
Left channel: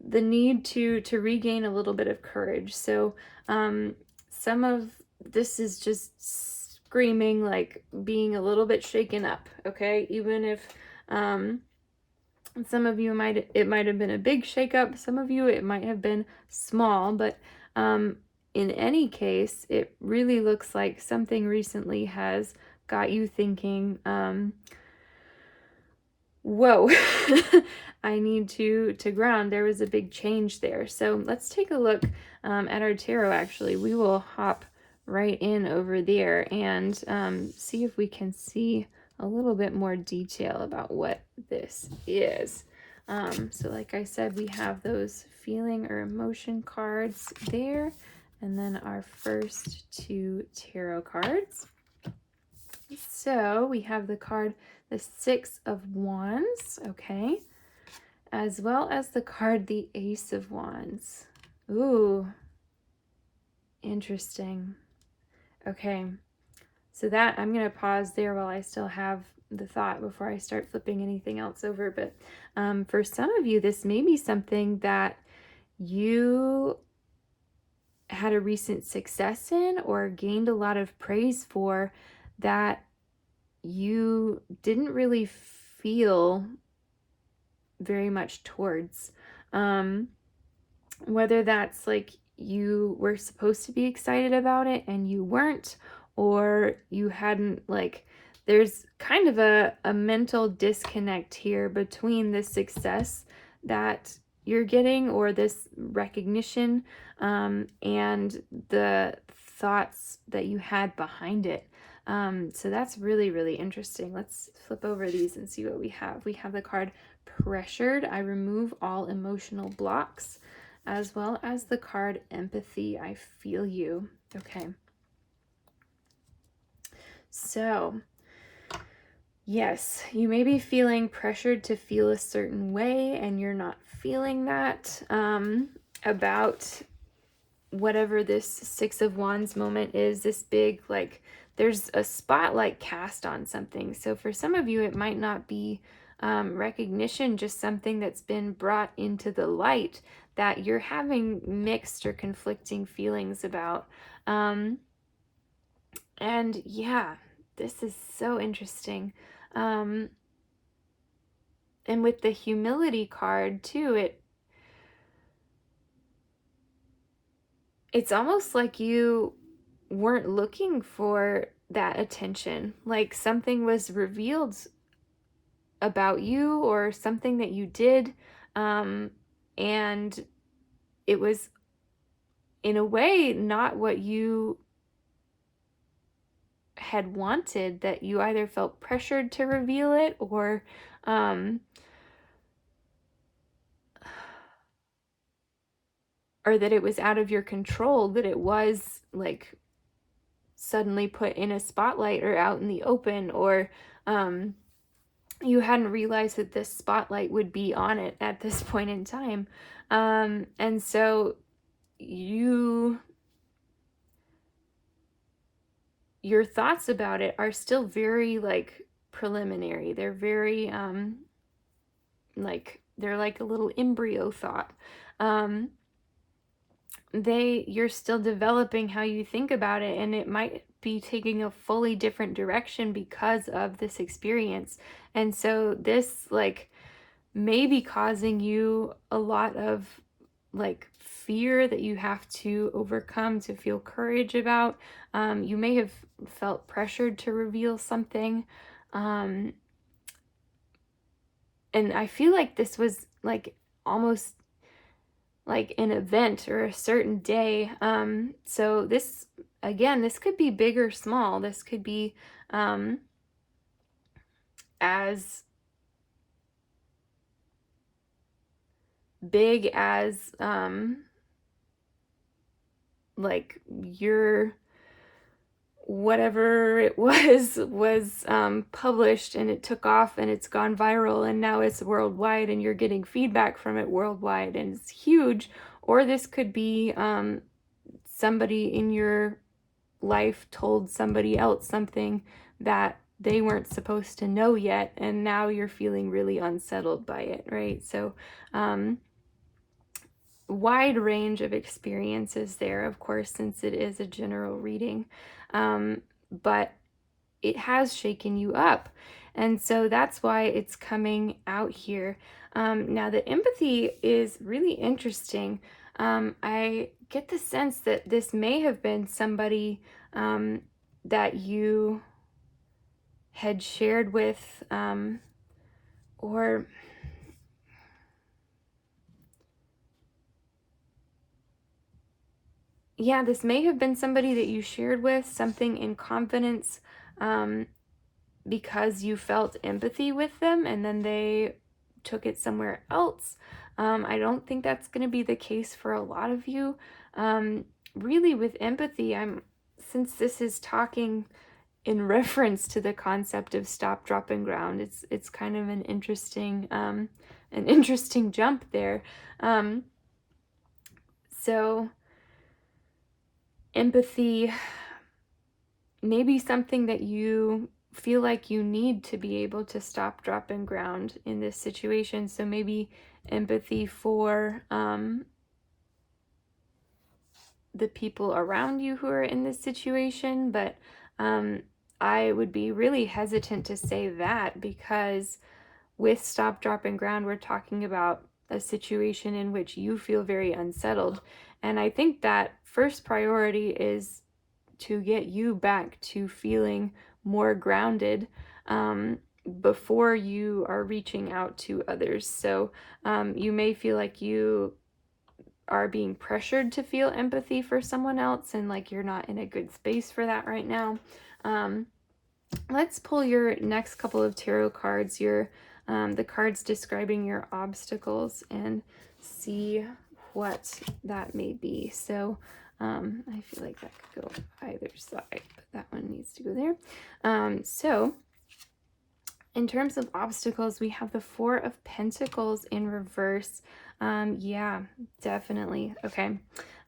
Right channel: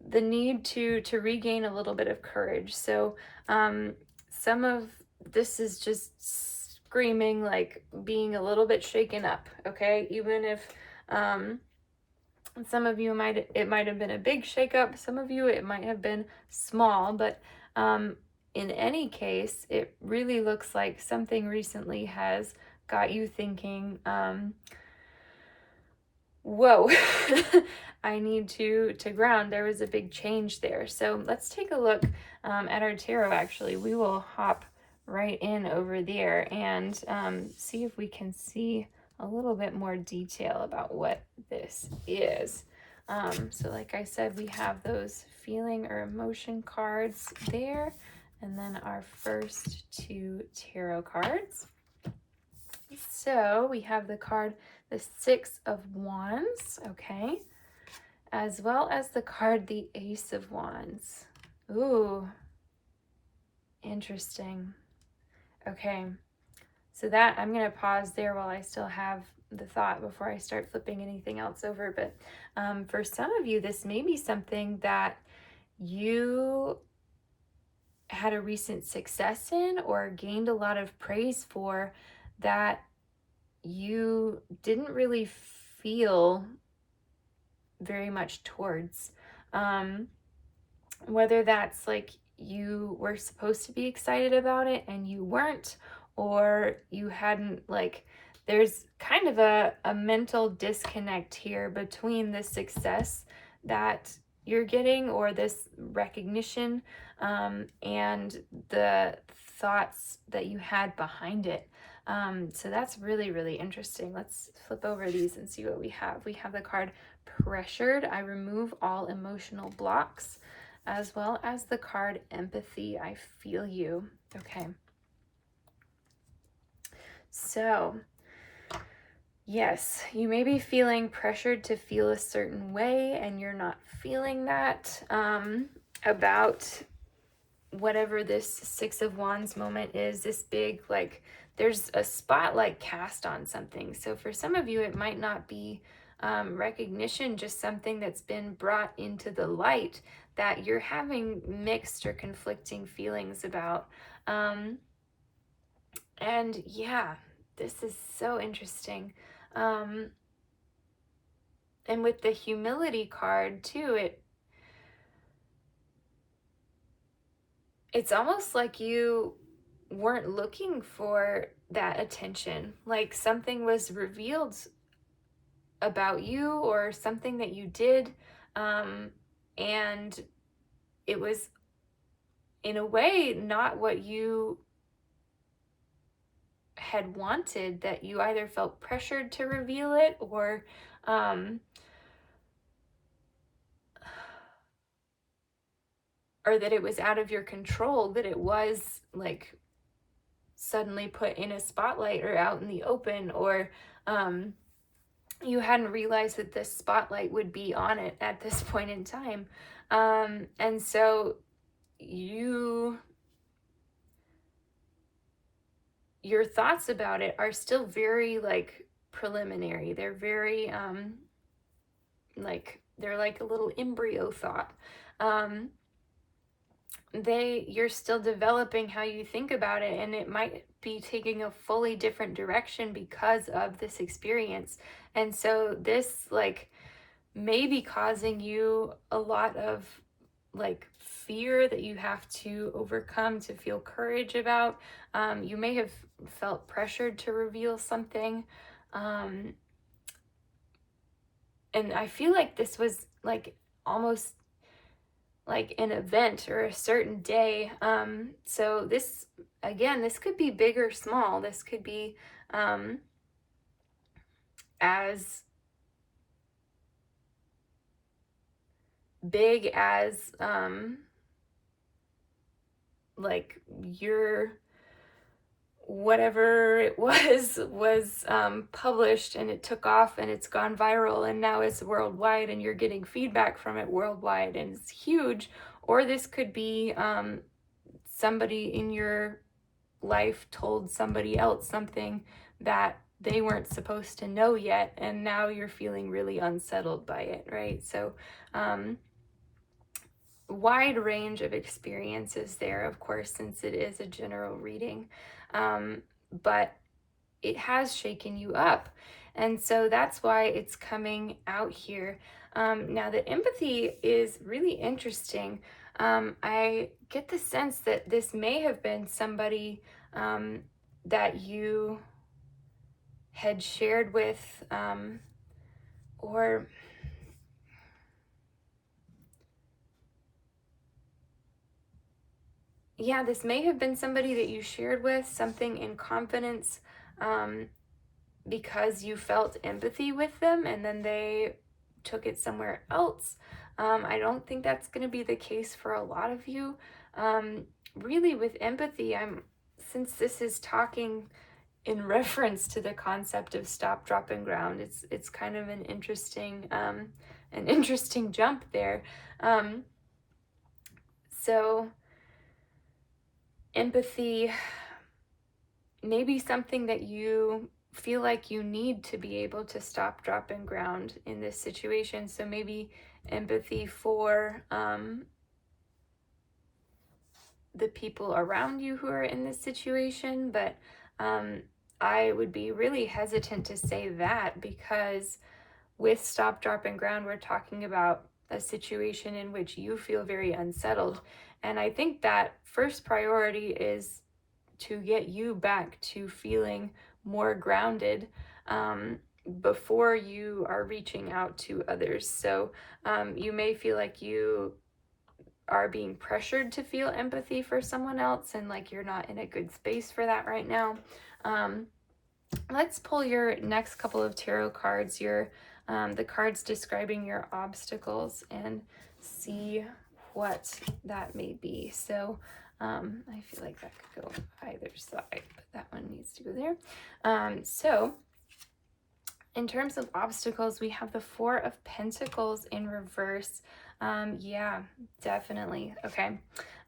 the need to regain a little bit of courage. So some of this is just screaming, like being a little bit shaken up, okay? Even if some of you it might have been a big shakeup, some of you it might have been small, but in any case, it really looks like something recently has got you thinking, whoa, I need to ground. There was a big change there. So let's take a look at our tarot. Actually, we will hop right in over there and see if we can see a little bit more detail about what this is. So like I said, we have those feeling or emotion cards there, and then our first 2 tarot cards. So we have the card, the 6 of Wands, okay, as well as the card, the Ace of Wands. Ooh, interesting. Okay, so that, I'm going to pause there while I still have the thought before I start flipping anything else over. But for some of you, this may be something that you had a recent success in or gained a lot of praise for that you didn't really feel very much towards. Whether that's like you were supposed to be excited about it and you weren't, or you hadn't, like, there's kind of a mental disconnect here between the success that you're getting or this recognition and the thoughts that you had behind it. So that's really, really interesting. Let's flip over these and see what we have. We have the card Pressured. I remove all emotional blocks, as well as the card Empathy. I feel you. Okay. So, yes, you may be feeling pressured to feel a certain way, and you're not feeling that about whatever this 6 of Wands moment is, this big, like, there's a spotlight cast on something. So for some of you, it might not be recognition, just something that's been brought into the light that you're having mixed or conflicting feelings about. And yeah, this is so interesting. And with the Humility card too, it's almost like you weren't looking for that attention, like something was revealed about you or something that you did, and it was in a way not what you had wanted, that you either felt pressured to reveal it or that it was out of your control, that it was like suddenly put in a spotlight or out in the open, or you hadn't realized that this spotlight would be on it at this point in time. And so your thoughts about it are still very like preliminary. They're very like they're like a little embryo thought. Um, you're still developing how you think about it, and it might be taking a fully different direction because of this experience. And so this like may be causing you a lot of like fear that you have to overcome to feel courage about. You may have felt pressured to reveal something. Um, and I feel like this was like almost like an event or a certain day. So this, again, this could be big or small. This could be um, as big as like your whatever it was published and it took off and it's gone viral and now it's worldwide and you're getting feedback from it worldwide and it's huge. Or this could be somebody in your life told somebody else something that they weren't supposed to know yet, and now you're feeling really unsettled by it, right? So um, wide range of experiences there, of course, since it is a general reading. But it has shaken you up. And so that's why it's coming out here. Now, the empathy is really interesting. I get the sense that this may have been somebody that you had shared with, or yeah, this may have been somebody that you shared with something in confidence because you felt empathy with them and then they took it somewhere else. I don't think that's going to be the case for a lot of you. Really, with empathy, since this is talking in reference to the concept of stop, drop, and ground, it's kind of an interesting jump there. Um, so empathy may be something that you feel like you need to be able to stop, drop, and ground in this situation. So maybe empathy for the people around you who are in this situation, but I would be really hesitant to say that because with stop, drop, and ground, we're talking about a situation in which you feel very unsettled. And I think that first priority is to get you back to feeling more grounded before you are reaching out to others. So you may feel like you are being pressured to feel empathy for someone else and like you're not in a good space for that right now. Um, let's pull your next couple of tarot cards, the cards describing your obstacles, and see what that may be. So I feel like that could go either side, but that one needs to go there. So in terms of obstacles, we have the Four of Pentacles in reverse. Yeah, definitely. Okay.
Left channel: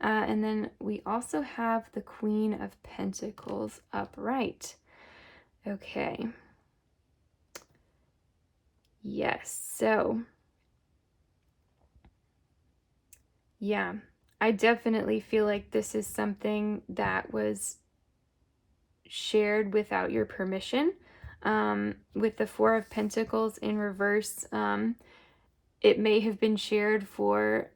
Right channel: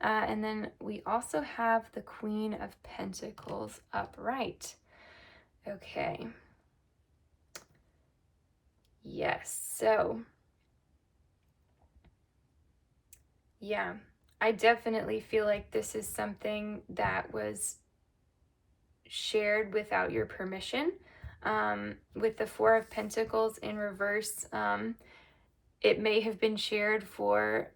And then we also have the Queen of Pentacles upright. Okay. Yes. So, yeah, I definitely feel like this is something that was shared without your permission. With the Four of Pentacles in reverse, it may have been shared for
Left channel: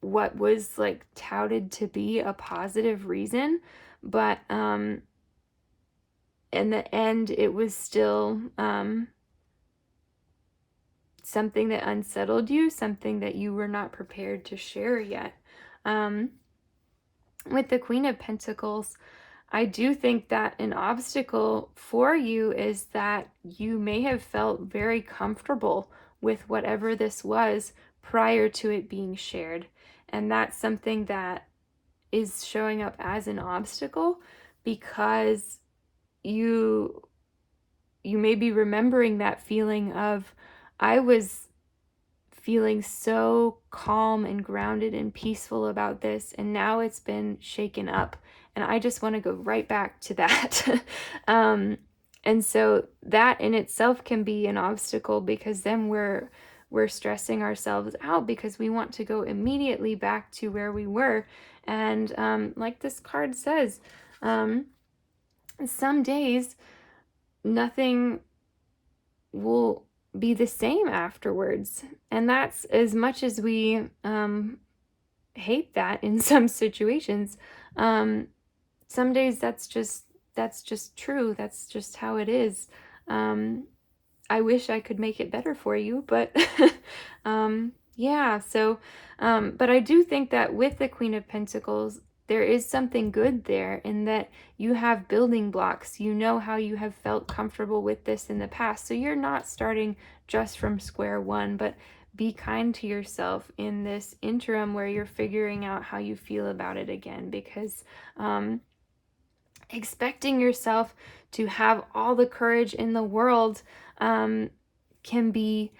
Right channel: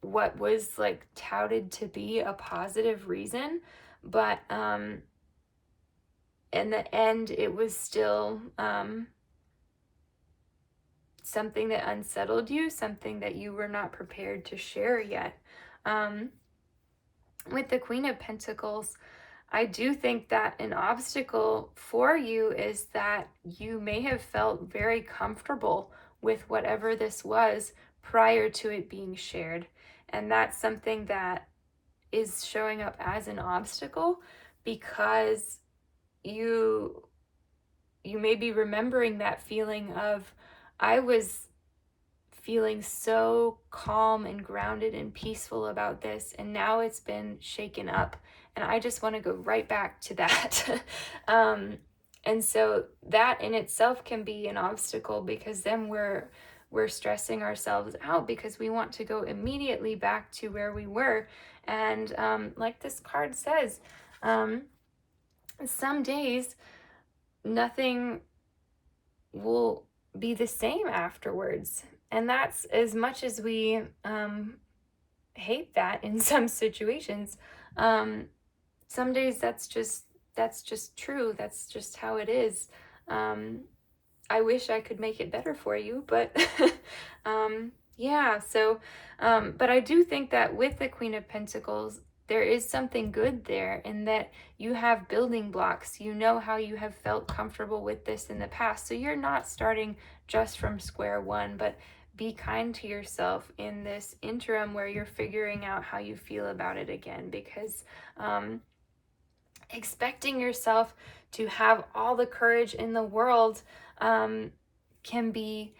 what was like touted to be a positive reason, but in the end, it was still something that unsettled you, something that you were not prepared to share yet. With the Queen of Pentacles, I do think that an obstacle for you is that you may have felt very comfortable with whatever this was prior to it being shared. And that's something that is showing up as an obstacle because you you may be remembering that feeling of, I was feeling so calm and grounded and peaceful about this, and now it's been shaken up, and I just want to go right back to that. And so that in itself can be an obstacle, because then we're stressing ourselves out because we want to go immediately back to where we were. And like this card says, some days nothing will be the same afterwards. And that's, as much as we hate that in some situations, some days that's just true. That's just how it is. I wish I could make it better for you, but yeah. So, but I do think that with the Queen of Pentacles, there is something good there, in that you have building blocks. You know how you have felt comfortable with this in the past. So you're not starting just from square one, but be kind to yourself in this interim where you're figuring out how you feel about it again, because expecting yourself to have all the courage in the world can be,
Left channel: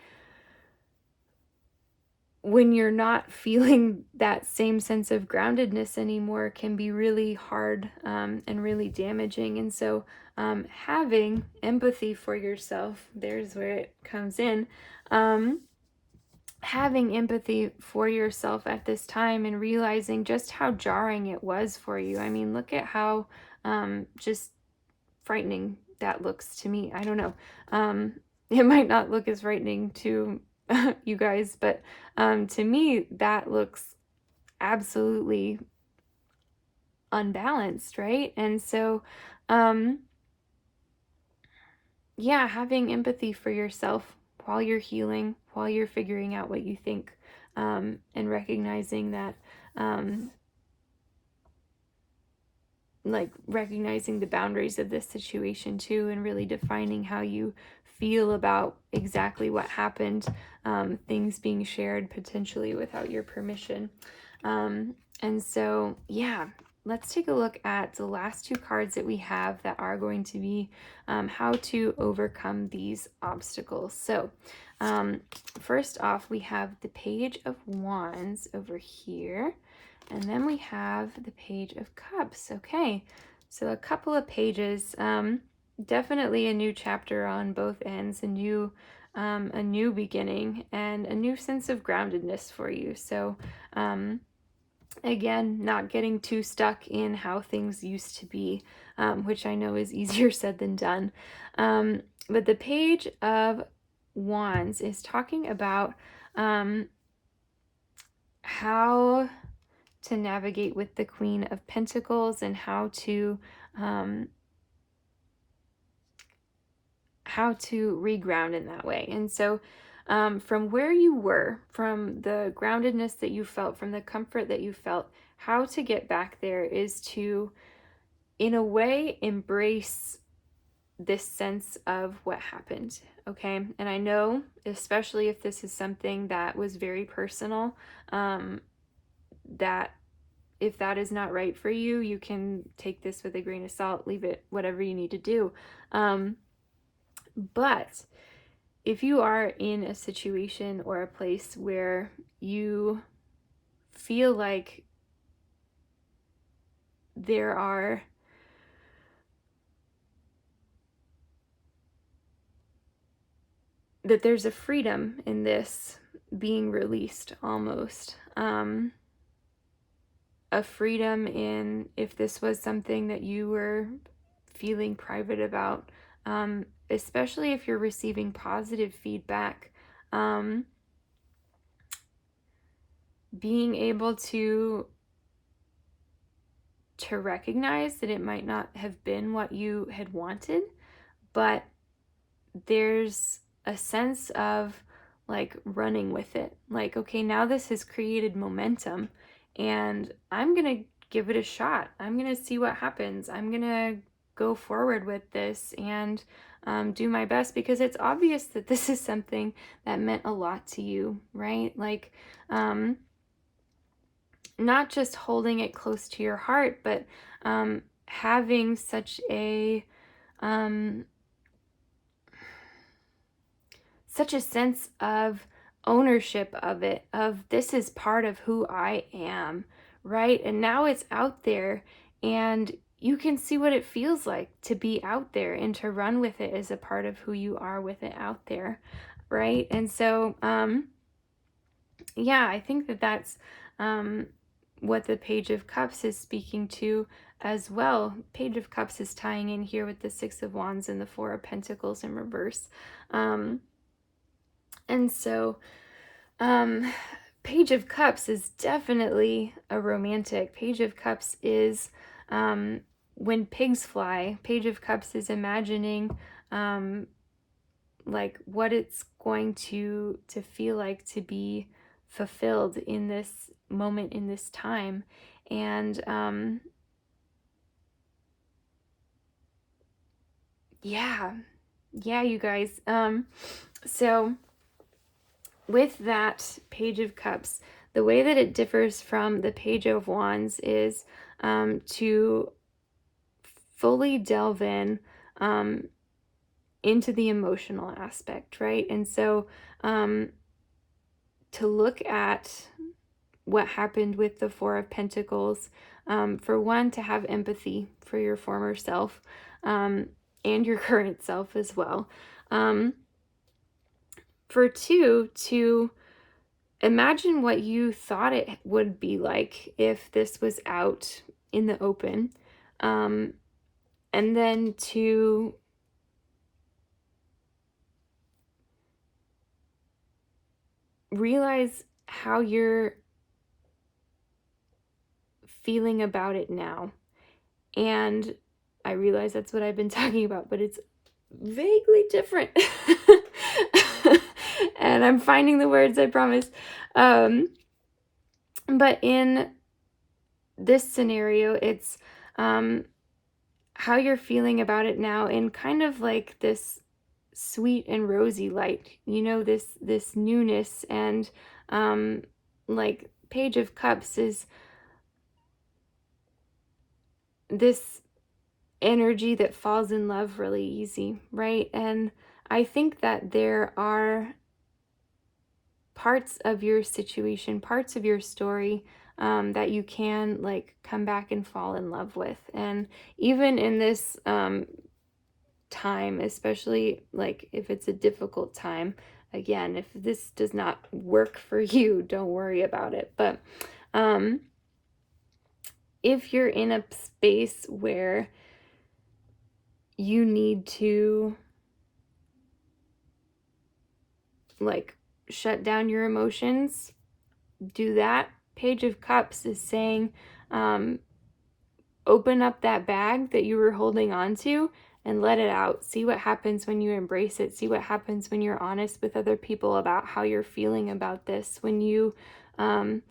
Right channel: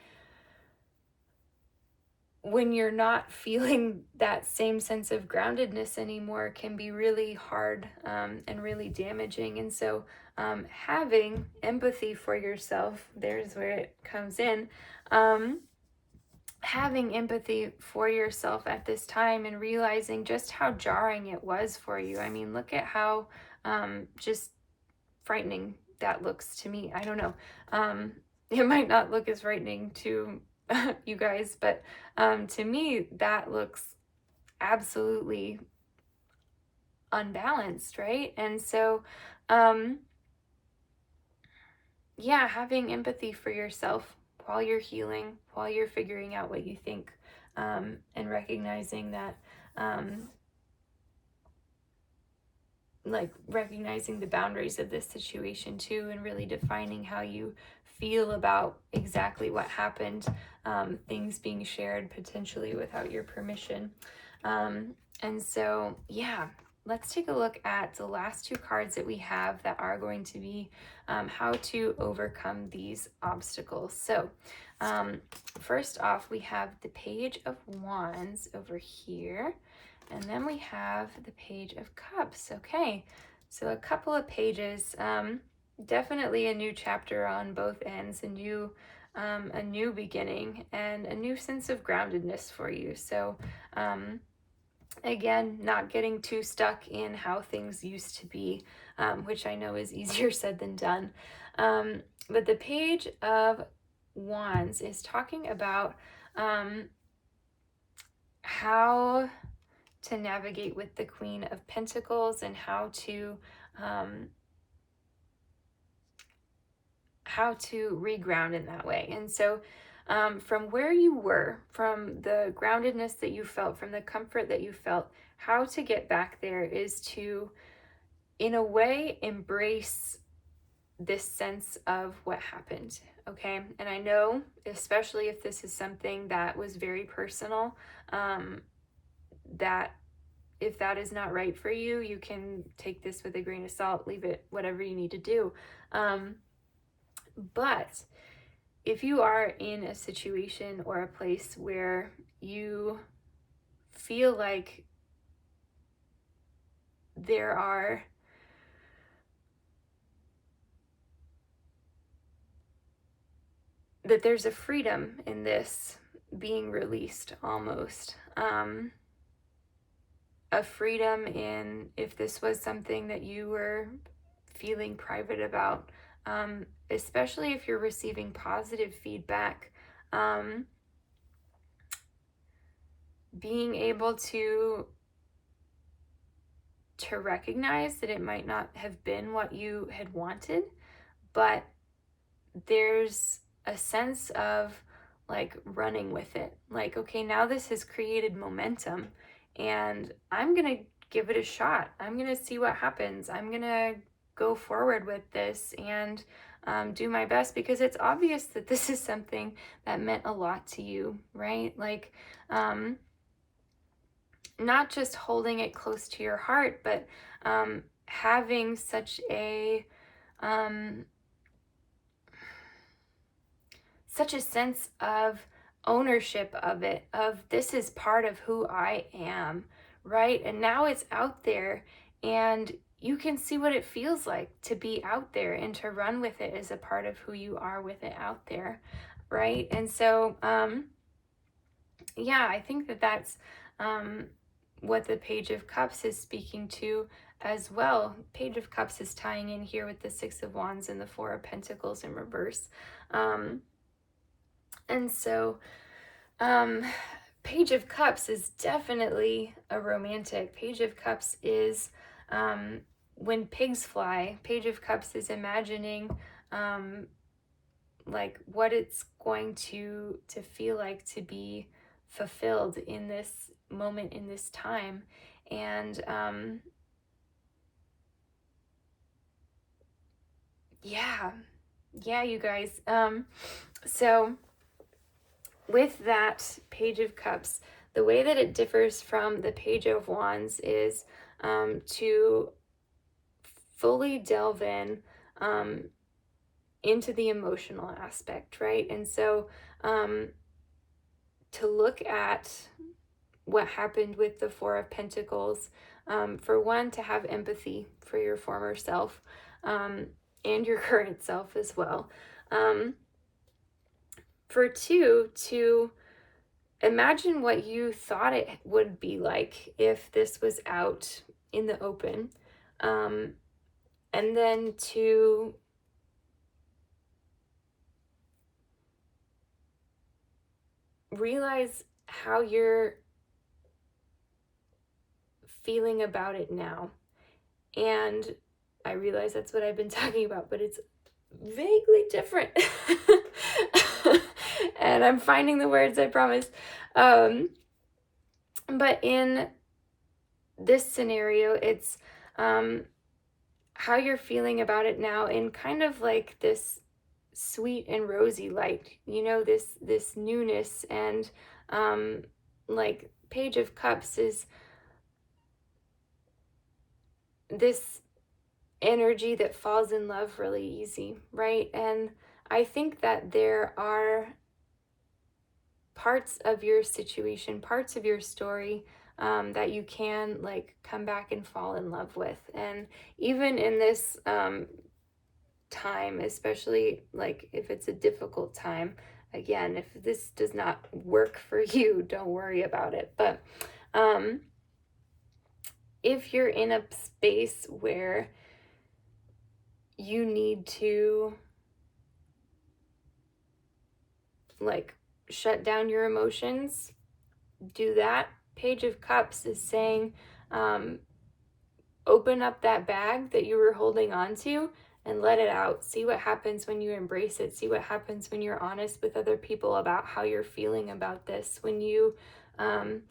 when you're not feeling that same sense of groundedness anymore, can be really hard and really damaging. And so having empathy for yourself, there's where it comes in. Having empathy for yourself at this time, and realizing just how jarring it was for you. I mean, look at how just frightening that looks to me. I don't know. It might not look as frightening to you guys, but to me, that looks absolutely unbalanced, right? And so, yeah, having empathy for yourself while you're healing, while you're figuring out what you think, and recognizing that, like recognizing the boundaries of this situation too, and really defining how you feel about exactly what happened, things being shared potentially without your permission. And so, yeah, let's take a look at the last two cards that we have that are going to be how to overcome these obstacles. So, first off, we have the Page of Wands over here. And then we have the Page of Cups. Okay, so a couple of pages. Definitely a new chapter on both ends, a new beginning, and a new sense of groundedness for you. So, again, not getting too stuck in how things used to be, which I know is easier said than done. But the Page of Wands is talking about how to navigate with the Queen of Pentacles, and how to reground in that way. And so from where you were, from the groundedness that you felt, from the comfort that you felt, how to get back there is to, in a way, embrace this sense of what happened. Okay, and I know, especially if this is something that was very personal, that if that is not right for you, you can take this with a grain of salt, leave it, whatever you need to do. But if you are in a situation or a place where you feel like there's a freedom in this being released, almost, a freedom in, if this was something that you were feeling private about, especially if you're receiving positive feedback, being able to recognize that it might not have been what you had wanted, but there's a sense of like running with it. Like, okay, now this has created momentum, and I'm gonna give it a shot. I'm gonna see what happens. I'm gonna go forward with this and do my best, because it's obvious that this is something that meant a lot to you, right? Like, not just holding it close to your heart, but having such a such a sense of ownership of it, of this is part of who I am, right? And now it's out there, and you can see what it feels like to be out there and to run with it as a part of who you are with it out there, right? And so, yeah, I think that that's what the Page of Cups is speaking to as well. Page of Cups is tying in here with the Six of Wands and the Four of Pentacles in reverse. And so, Page of Cups is definitely a romantic. Page of Cups is when pigs fly. Page of Cups is imagining like what it's going to feel like to be fulfilled in this moment, in this time. And yeah, you guys. So with that Page of Cups, the way that it differs from the Page of Wands is to fully delve in into the emotional aspect, right? And so to look at what happened with the Four of Pentacles, for one, to have empathy for your former self and your current self as well. For two, to imagine what you thought it would be like if this was out in the open. And then to realize how you're feeling about it now. And I realize that's what I've been talking about, but it's vaguely different. And I'm finding the words, I promise. But in this scenario, it's how you're feeling about it now in kind of like this sweet and rosy light, you know, this newness. And like Page of Cups is this energy that falls in love really easy, right? And I think that there are parts of your situation, parts of your story that you can like come back and fall in love with. And even in this time, especially like if it's a difficult time, again, if this does not work for you, don't worry about it. But if you're in a space where you need to like shut down your emotions, do that. Page of Cups is saying open up that bag that you were holding on to and let it out. See what happens when you embrace it. See what happens when you're honest with other people about how you're feeling about this. When you come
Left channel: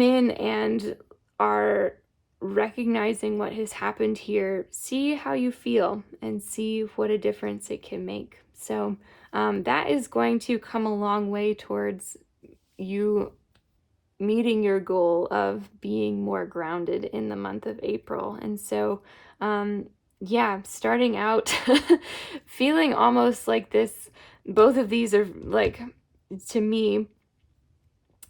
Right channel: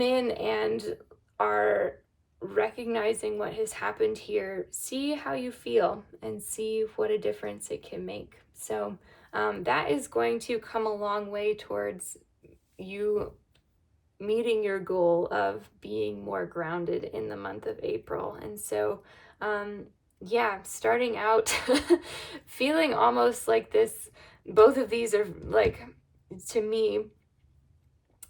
in and are recognizing what has happened here, see how you feel and see what a difference it can make. So that is going to come a long way towards you meeting your goal of being more grounded in the month of April. And so, yeah, starting out feeling almost like this, both of these are like, to me,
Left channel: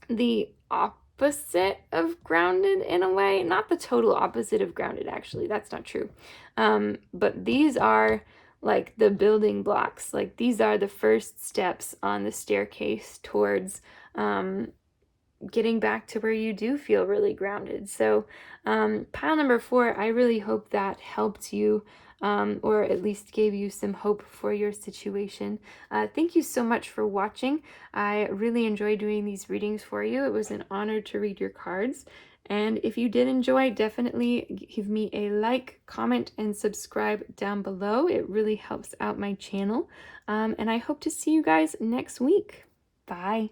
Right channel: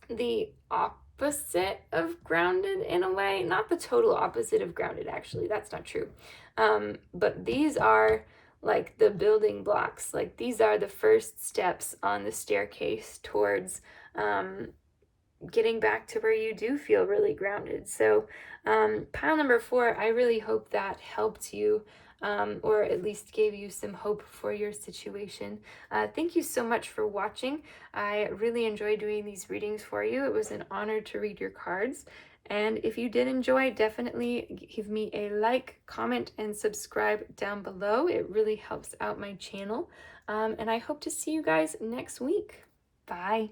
the opposite of grounded in a way. Not the total opposite of grounded, actually. That's not true. But these are like the building blocks. Like these are the first steps on the staircase towards getting back to where you do feel really grounded. So pile number 4, I really hope that helped you or at least gave you some hope for your situation. Thank you so much for watching. I really enjoy doing these readings for you. It was an honor to read your cards. And if you did enjoy, definitely give me a like, comment, and subscribe down below. It really helps out my channel. And I hope to see you guys next week. Bye.